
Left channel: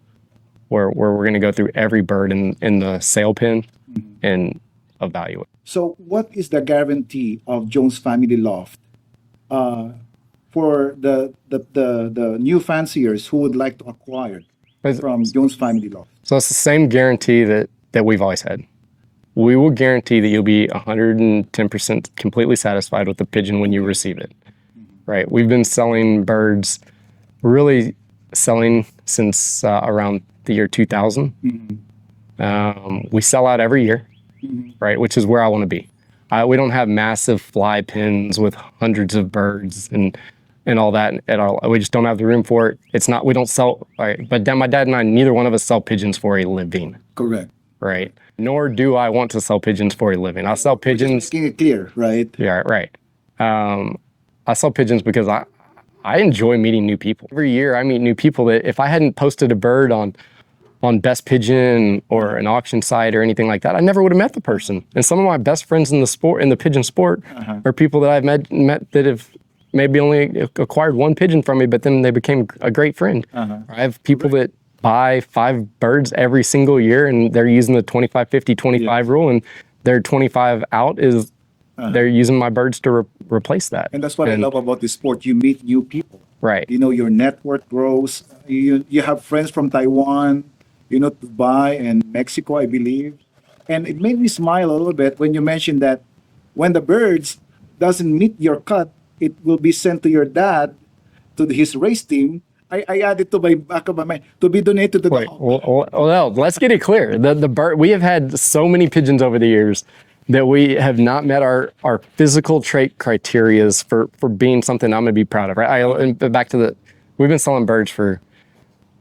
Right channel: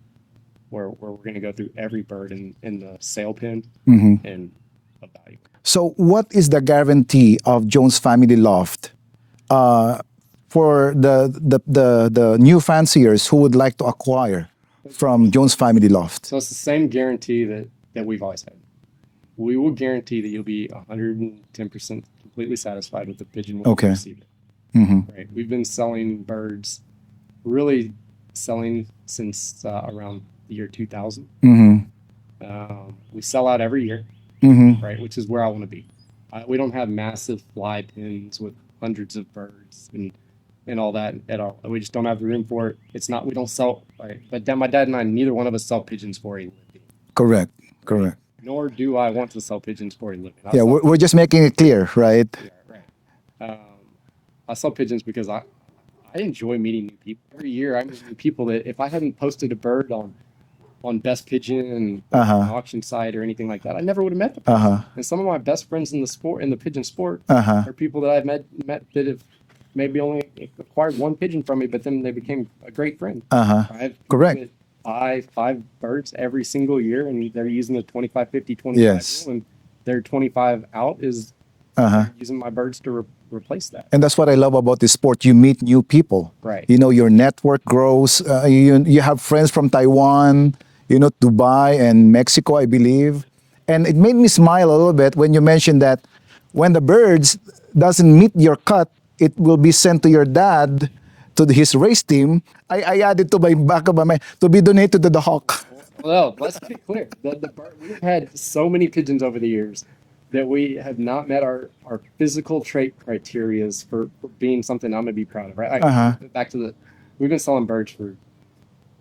where we're gonna go through every bird in the sale pen and evaluate. So what is the guarantee of Jones Family Loft for the new fanciers who would like to acquire from Jones Family Loft? So it's the same guarantee that we've always had. We will guarantee that you'll be 110% completely satisfied with the pigeon when you receive it. Right? We've been selling birds, really selling since around the year 2000. We sell out every year, right? Which is where I want to be. We don't have massive fly pens with hundreds of birds and all that at all. We just don't have the room for it. It's not, we don't sell, right? But my dad and I, neither one of us sell pigeons for a living. Correct. Right. Correct. Nor do I want to sell pigeons for a living. I Yeah, sell we're pigeons. just making it clear, right? Yeah, right. I sell pigeons because I enjoy meeting new people. Every year I meet new people that if I hadn't posted a bird on Best Pigeon or an auction site or anything like that, I never would have met the person. And some of my best friends in the pigeon sport, are people that I've met that have maybe only acquired 1 pigeon from me, but then they became a great friend. I have people that buy 5 birds every single year, and they're using the 25, 50, 25 rule, and their 25 out is they're using my birds to replace that. And that's what I love about this sport. You meet new people. Right. You know, your network grows. You have friends from Taiwan, Dubai and Mexico, I believe. And it made me smile a little bit when you mentioned that when the birds doesn't meet your cut, it will be sent to your dad, to his race team. I added to my back of my mind to be donated to the hawk. Well, no, let's get it clear. The bird, we have had so many pigeons over the years that we have not met our physical trait criterias for being something I'm going to be proud of. Right? Back to we've been selling birds for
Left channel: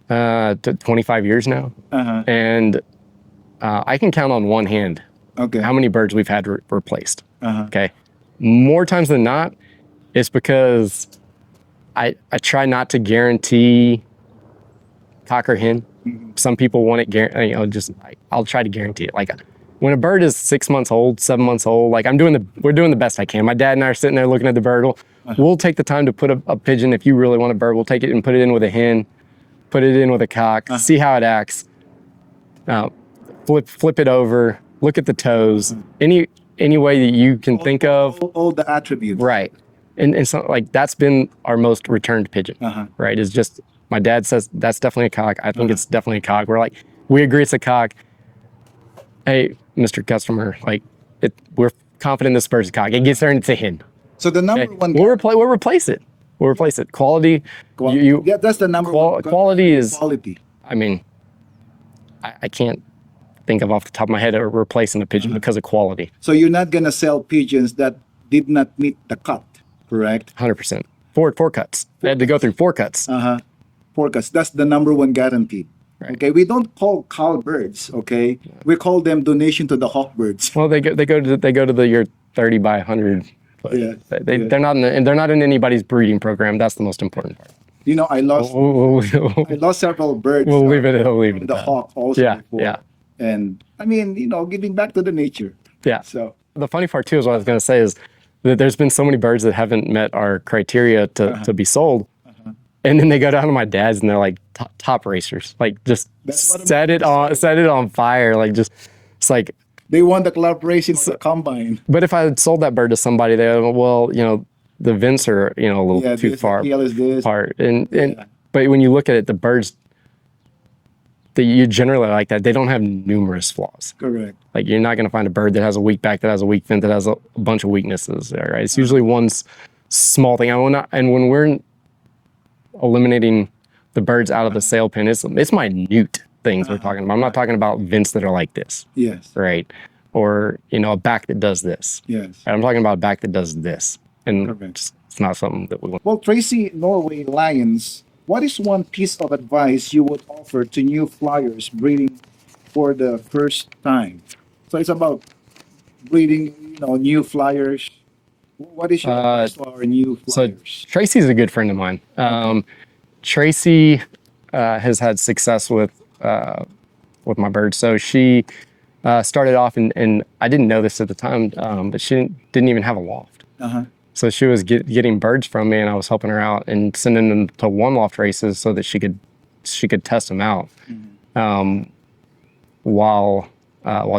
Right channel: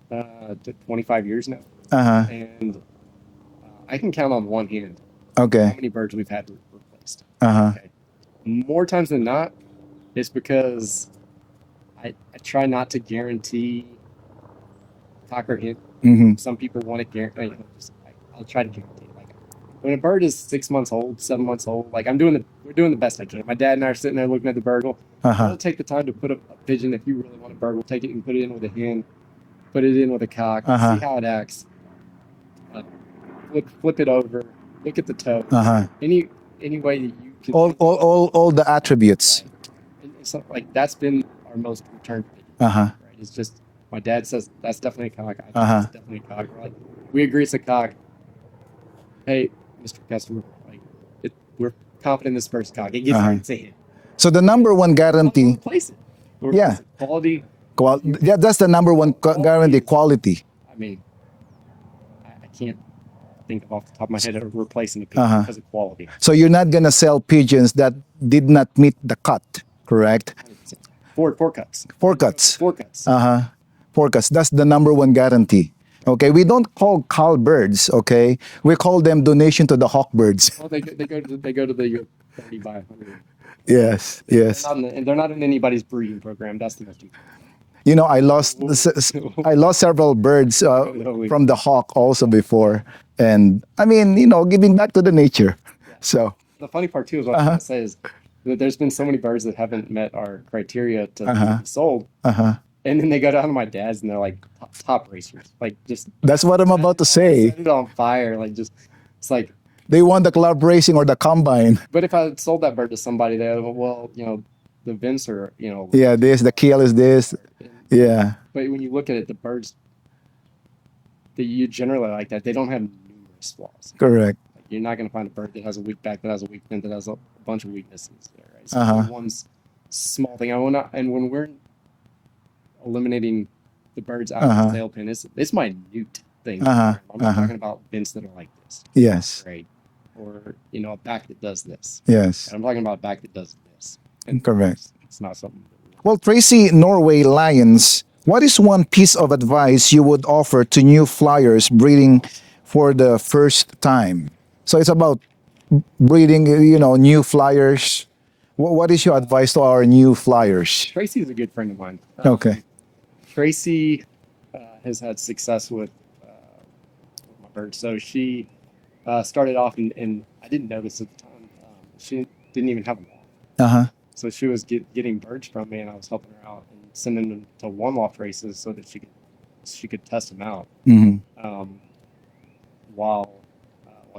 25 years now, and I can count on one hand how many birds we've had replaced. Okay, more times than not, it's because I try not to guarantee cock or hen. Some people want it, I'll try to guarantee it. Like when a bird is 6 months old, 7 months old, like we're doing the best I can. My dad and I are sitting there looking at the bird. We'll take the time to put a pigeon. If you really want a bird, we'll take it and put it in with a hen, put it in with a cock, see how it acts. Flip it over, look at the toes, any way that you can think of. All the attributes. Right. And so like that's been our most returned pigeon, right? Is just, my dad says that's definitely a cock. I think it's definitely a cock. We're like, we agree it's a cock. Hey, Mr. Customer, like we're confident this bird's a cock. It gets there and it's a hen. So the number one guarantee. We'll replace it. We'll replace it. Quality. Yeah, that's the number one guarantee. Quality. I mean, I can't think of off the top of my head replacing a pigeon because of quality. So you're not gonna sell pigeons that did not meet the cut, correct? 100%. Four cuts. Four They had to go cuts. through 4 cuts. 4 cuts. That's the number one guarantee. Right. Okay, we don't call cull birds. Okay, we call them donation to the hawk birds. Well, they go to the your 30 by 100. Yes, They're not in anybody's breeding program. That's the most important part. You know, I lost several birds from the hawk also before. Yeah. And I mean, you know, giving back to the nature. Yeah. So the funny part too is what I was going to say is that there's been so many birds that haven't met our criteria to be sold. And then they go down to my dad's and they're like top racers. Like just that's what I'm about to say. Set it on fire. Like just, it's like. They won the club racing or the combine. But if I had sold that bird to somebody, they would, well, you know, the vents are, you know, a little too the keel is this. Part. But when you look at it, the birds that you generally like that, they don't have numerous flaws. Correct. Like you're not going to find a bird that has a weak back, that has a weak fin, that has a bunch of weaknesses. Right? It's usually one small thing. And when we're eliminating the birds out of the sale pen, it's minute things we're talking about. I'm not talking about vents that are like this. Yes. Right. Or, you know, a back that does this. Yes. I'm talking about a back that does this. And correct. It's not something that we want. Well, Tracy, Norway Lions, what is one piece of advice you would offer to new flyers breeding for the first time? So it's about breeding, you know, new flyers. What is your advice to our new flyers? So Tracy's a good friend of mine. Tracy has had success with my birds. So she started off, and I didn't know this at the time, but she didn't even have a loft. So she was getting birds from me, and I was helping her out and sending them to one loft races so that she could test them out while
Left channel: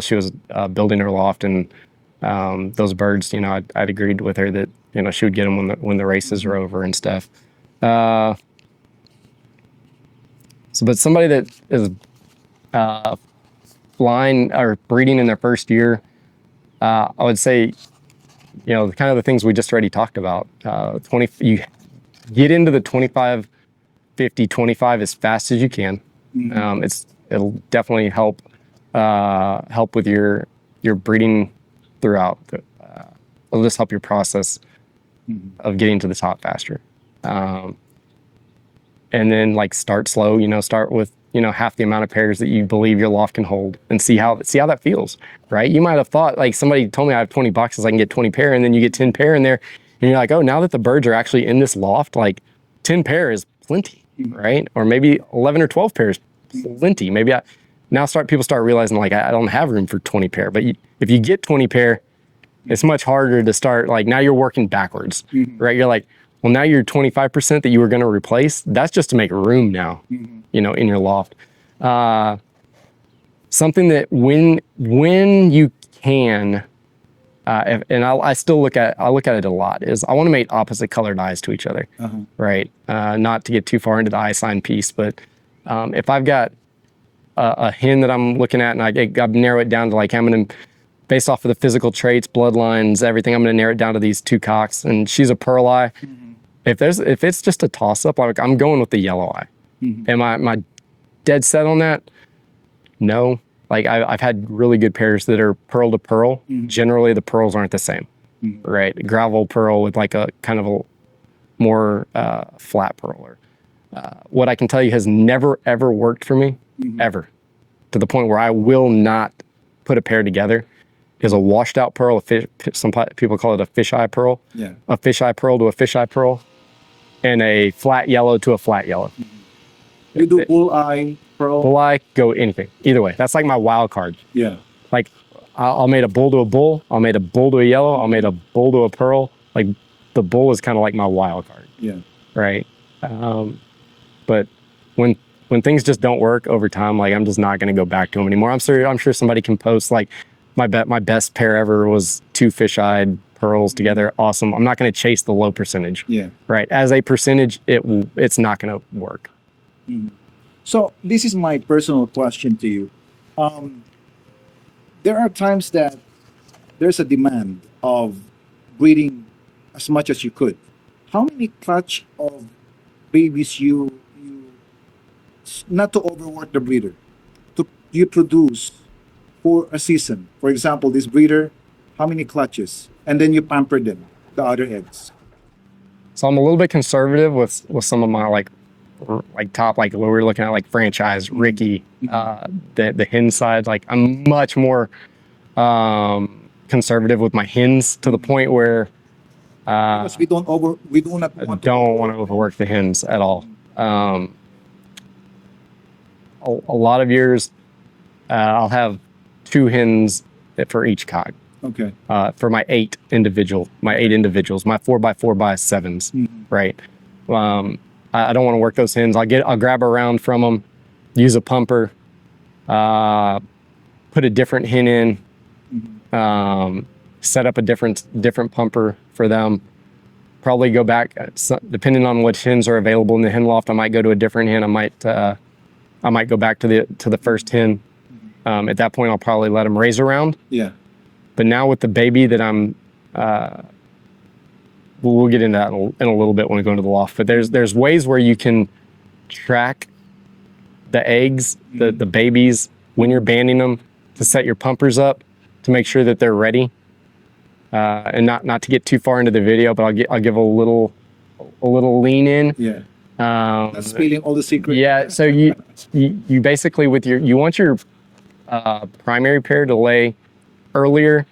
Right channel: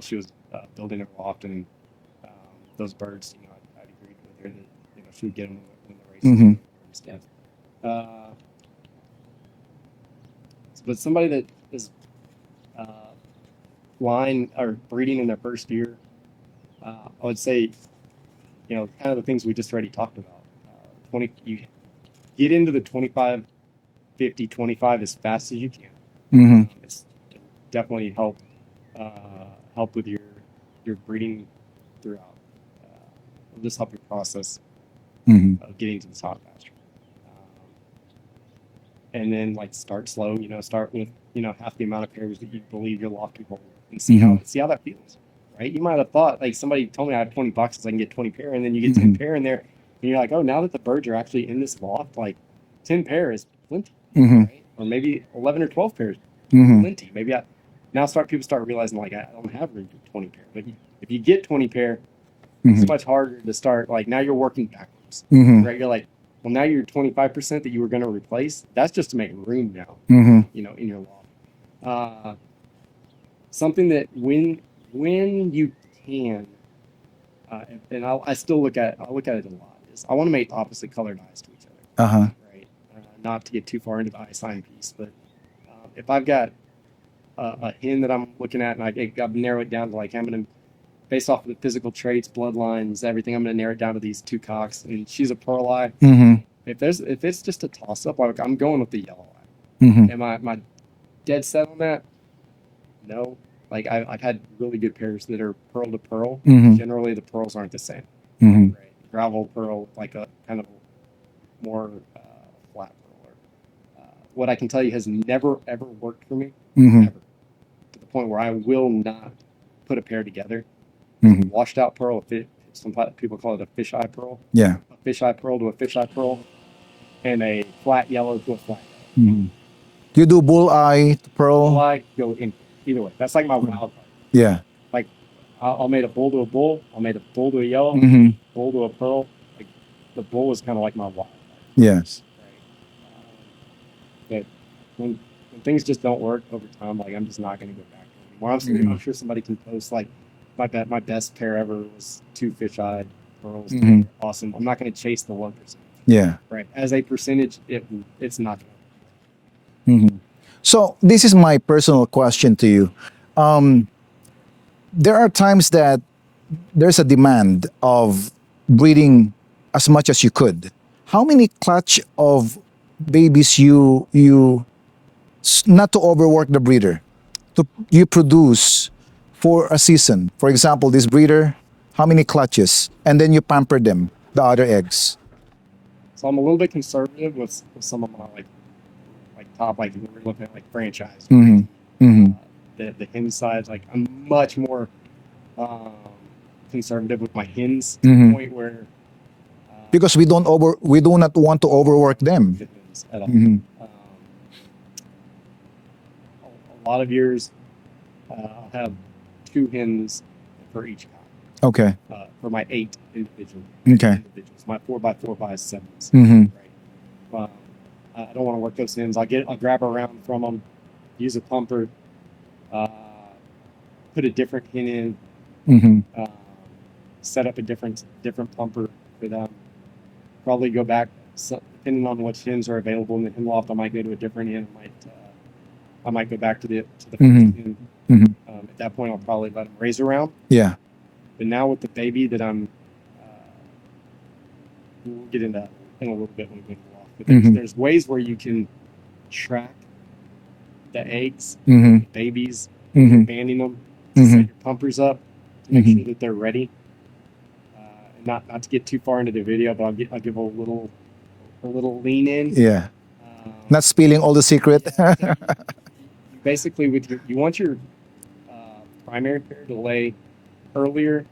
she was building her loft. And those birds, you know, I'd agreed with her that, you know, she would get them when the races are over and stuff. But somebody that is flying or breeding in their first year, I would say, you know, kind of the things we just already talked about. You get into the 25, 50, 25 as fast as you can. It'll definitely help with your breeding throughout. It'll just help your process of getting to the top faster. And then like start slow, you know, start with, you know, half the amount of pairs that you believe your loft can hold, and see how that feels, right? You might have thought, like, somebody told me I have 20 boxes, I can get 20 pair, and then you get 10 pair in there, and you're like, oh, now that the birds are actually in this loft, like 10 pair is plenty, right? Or maybe 11 or 12 pairs, plenty. Maybe people start realizing, like, I don't have room for 20 pair, but if you get 20 pair, it's much harder to start, like, now you're working backwards, right? You're like, well, now you're 25% that you were going to replace. That's just to make room now, you know, in your loft. Something that when you can, and I still look at it a lot, is I want to make opposite colored eyes to each other, right? Not to get too far into the eye sign piece, but if I've got a hen that I'm looking at, and I narrow it down to, like, I'm going to, based off of the physical traits, bloodlines, everything, I'm going to narrow it down to these 2 cocks, and she's a pearl eye. If it's just a toss up, like, I'm going with the yellow eye. Am I dead set on that? No. Like, I've had really good pairs that are pearl to pearl. Generally, the pearls aren't the same, right? Gravel pearl with like a kind of a more flat pearl. Or, what I can tell you has never ever worked for me, ever, to the point where I will not put a pair together. Is a washed out pearl. Some people call it a fisheye pearl. Yeah. A fisheye pearl to a fisheye pearl. and a flat yellow to a flat yellow. You do bull eye, pearl? Bull eye, go anything. Either way. That's like my wild card. Yeah. Like I'll mate a bull to a bull. I'll mate a bull to a yellow. I'll mate a bull to a pearl. Like the bull is kind of like my wild card. Yes. Right. But when things just don't work over time, like I'm just not going to go back to them anymore. I'm sure somebody can post like my best pair ever was 2 fish-eyed pearls together. Awesome. I'm not going to chase the low percentage. Yeah. Right. As a percentage, it's not going to work. So this is my personal question to you. There are times that there's a demand of breeding as much as you could. How many clutch of babies you not to overwork the breeder, you produce for a season? For example, this breeder, how many clutches? And then you pamper them, the other eggs. So I'm a little bit conservative with some of my like top, like what we're looking at, like franchise, Ricky, the hen side. Like I'm much more conservative with my hens to the point where because we do not want to overwork them. Overwork the hens at all. A lot of years, I'll have 2 hens for each cock. Okay. For my 8 individuals, my 4x4x7s, right? I don't want to work those hens. I'll grab a round from them, use a pumper, put a different hen in, set up a different pumper for them. Probably go back, depending on which hens are available in the hen loft. I might go to a different hen. I might go back to the first hen. At that point, I'll probably let them raise around. Yeah. But now with the baby that I'm, we'll get into that in a little bit when we go into the loft. But there's ways where you can track the eggs, the babies, when you're banding them, to set your pumpers up to make sure that they're ready. And not to get too far into the video, but I'll give a little lean in. Yeah. Not spilling all the secret. Yeah. So you basically you want your primary pair to lay earlier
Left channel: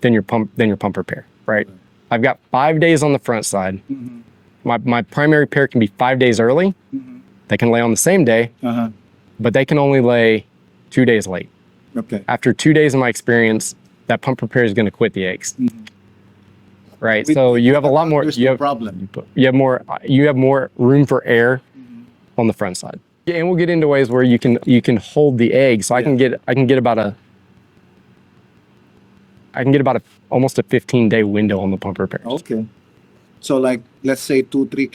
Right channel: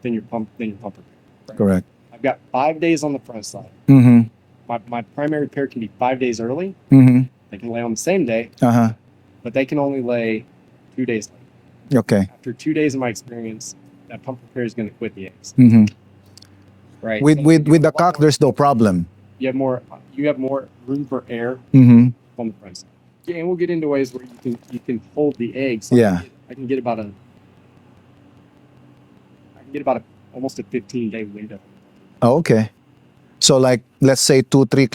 than your pumper pair, right? Correct. I've got 5 days on the front side. My primary pair can be 5 days early. They can lay on the same day, but they can only lay 2 days late. Okay. After 2 days of my experience, that pumper pair is going to quit the eggs. Right. With you have the a lot cock, more. there's no problem. You have more room for air on the front side. Yeah, and we'll get into ways where you can hold the egg. So I can get about almost a 15-day window on the pumper pair. Oh, okay. So like, let's say 2-3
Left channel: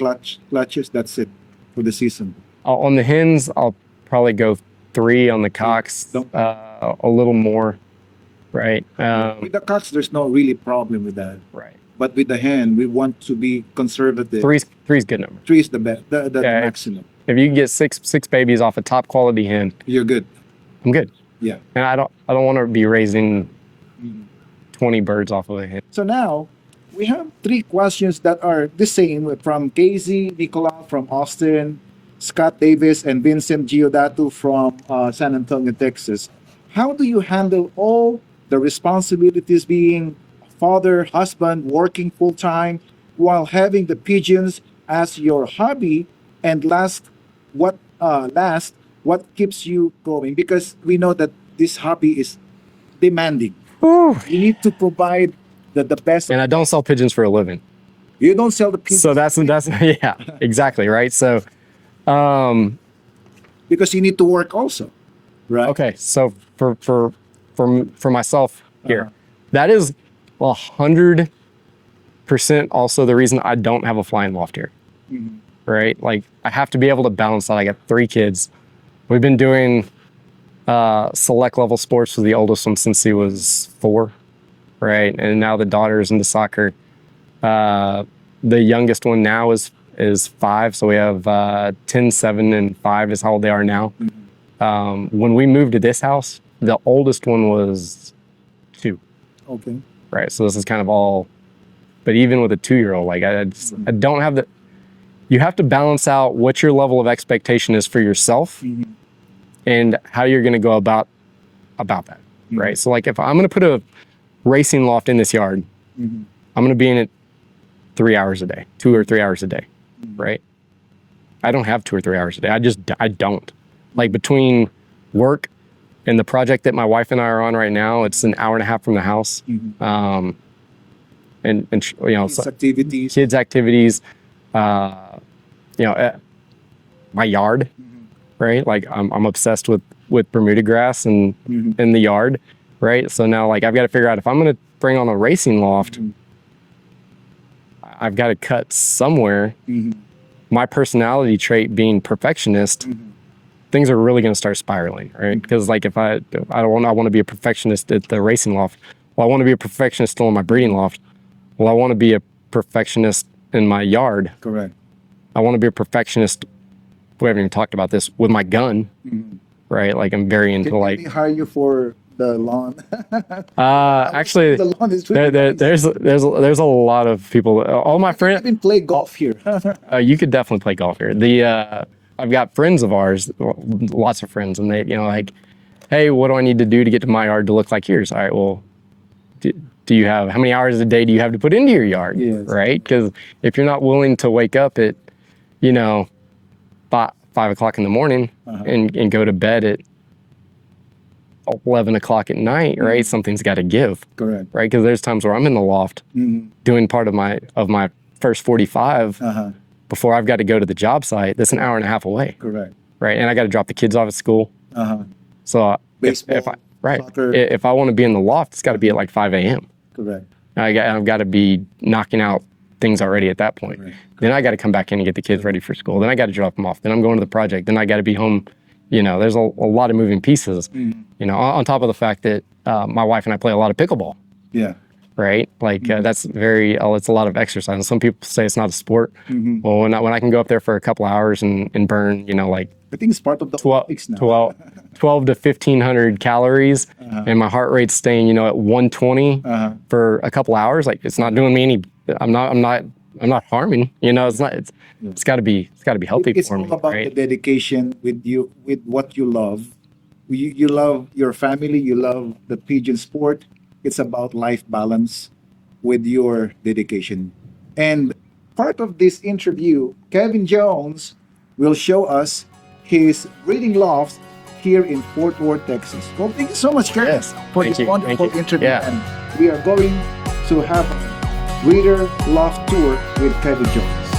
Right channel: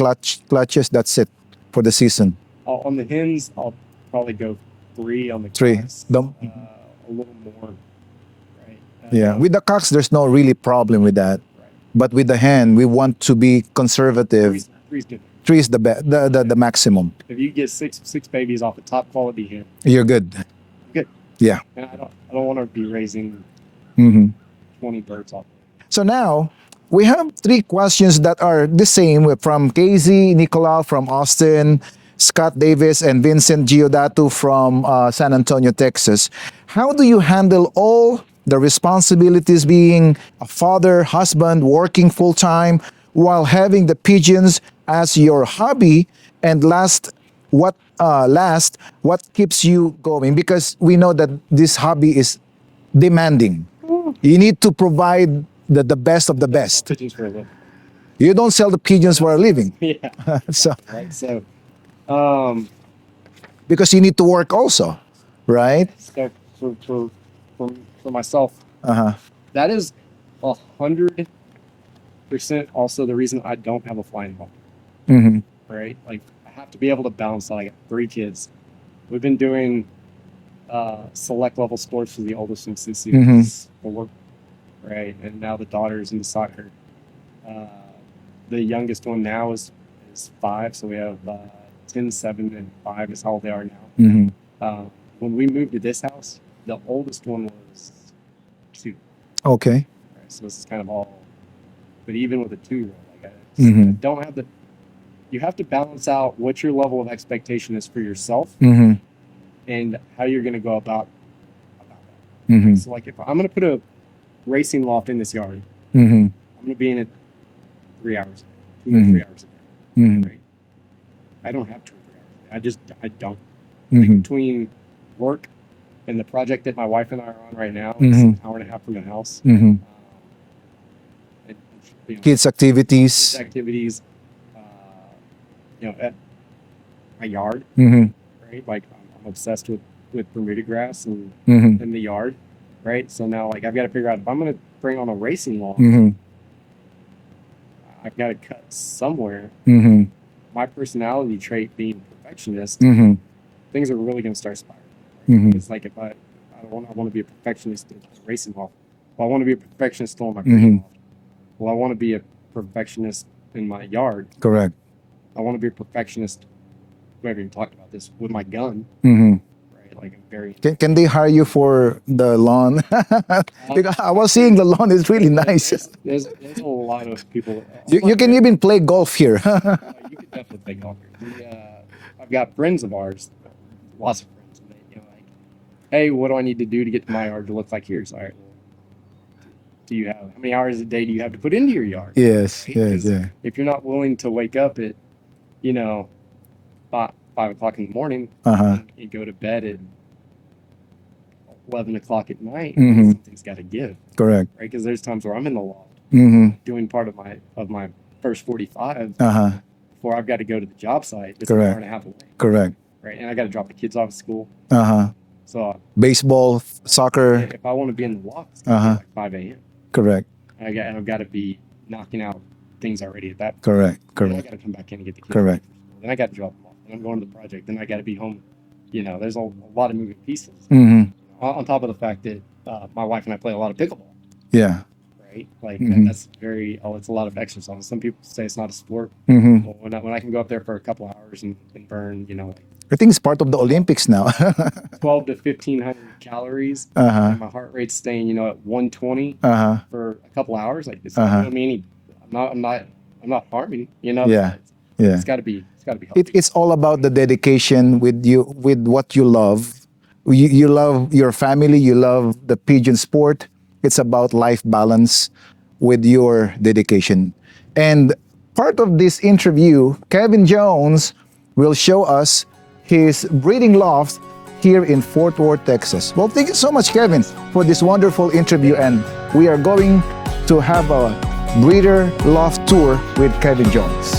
clutches, that's it for the season. On the hens, I'll probably go 3. On the cocks, a little more. Right. Yeah. With the cocks, there's no really problem with that. Right. But with the hen, we want to be conservative. 3's good number. 3 is the maximum. If you can get six babies off a top quality hen, You're good. I'm good. Yeah. And I don't want to be raising 20 birds off of a hen. So now we have 3 questions that are the same from Casey Nicolau from Austin, Scott Davis, and Vincent Giudato from San Antonio, Texas. How do you handle all the responsibilities, being a father, husband, working full-time, while having the pigeons as your hobby? And last, what keeps you going? Because we know that this hobby is demanding. You need to provide the best of And the I don't best. sell pigeons for a living. You don't sell the pigeons for a living. Yeah, exactly, right? So, Because you need to work also, right? okay, so for myself here, that is 100% also the reason I don't have a flying loft here. Right? Like I have to be able to balance that. I got 3 kids. We've been doing select level sports with the oldest one since he was 4, right? And now the daughter is into soccer. The youngest one now is 5, so we have 10, 7, and 5 is how old they are now. When we moved to this house, the oldest one was 2. Okay. Right, so this is kind of all, but even with a 2-year-old, like I don't have the, you have to balance out what your level of expectation is for yourself and how you're going to go about that, right? So like if I'm going to put a racing loft in this yard, I'm going to be in it 3 hours a day, 2 or 3 hours a day. right? I don't have 2 or 3 hours a day. I don't. Like between work and the project that my wife and I are on right now, it's an hour and a half from the house. And you know, Kids activities. kids activities, you know, my yard, right? Like I'm obsessed with Bermuda grass and in the yard, right? So now like I've got to figure out if I'm going to bring on a racing loft, I've got to cut somewhere. My personality trait being perfectionist, things are really going to start spiraling, right? Because like if I want to be a perfectionist at the racing loft. Well, I want to be a perfectionist still in my breeding loft. Well, I want to be a perfectionist in my yard. Correct. I want to be a perfectionist. We haven't even talked about this with my gun, right? Like I'm very into Can they hire you for the lawn? I was saying the lawn is really nice. There's a lot of people. You can even play golf here. You could definitely play golf here. I've got friends of ours, lots of friends, and they, you know, like, hey, what do I need to do to get to my yard to look like yours? All right, well, do you have, how many hours a day do you have to put into your yard? Yes. Right? Because if you're not willing to wake up at, you know, 5 o'clock in the morning and go to bed at 11 o'clock at night, right? Something's got to give. Correct. Right? Because there's times where I'm in the loft doing part of my first 45 before I've got to go to the job site. That's an hour and a half away. Correct. Right? And I got to drop the kids off at school. So baseball, soccer. If I want to be in the loft, it's got to be at like 5 a.m. Correct. I've got to be knocking out things already at that point. Correct. Then I got to come back in and get the kids ready for school. Then I got to drop them off. Then I'm going to the project. Then I got to be home. You know, there's a lot of moving pieces. You know, on top of the fact that my wife and I play a lot of pickleball. Yeah. Right? Like that's it's a lot of exercise. And some people say it's not a sport. Well, when I can go up there for a couple hours and burn, you know, like I think it's part of the Olympics now. 12 to 1,500 calories, and my heart rate's staying, you know, at 120 for a couple hours. Like it's not doing me any. I'm not harming. You know, it's got to be healthy. It's all about the dedication with what you love. You love your family. You love the pigeon sport. It's about life balance with your dedication. And part of this interview, Kevin Jones will show us his breeding loft here in Fort Worth, Texas. Well, thank you so much, Kevin, for this wonderful interview. Yeah. And we are going to have a breeder loft tour with Kevin Jones.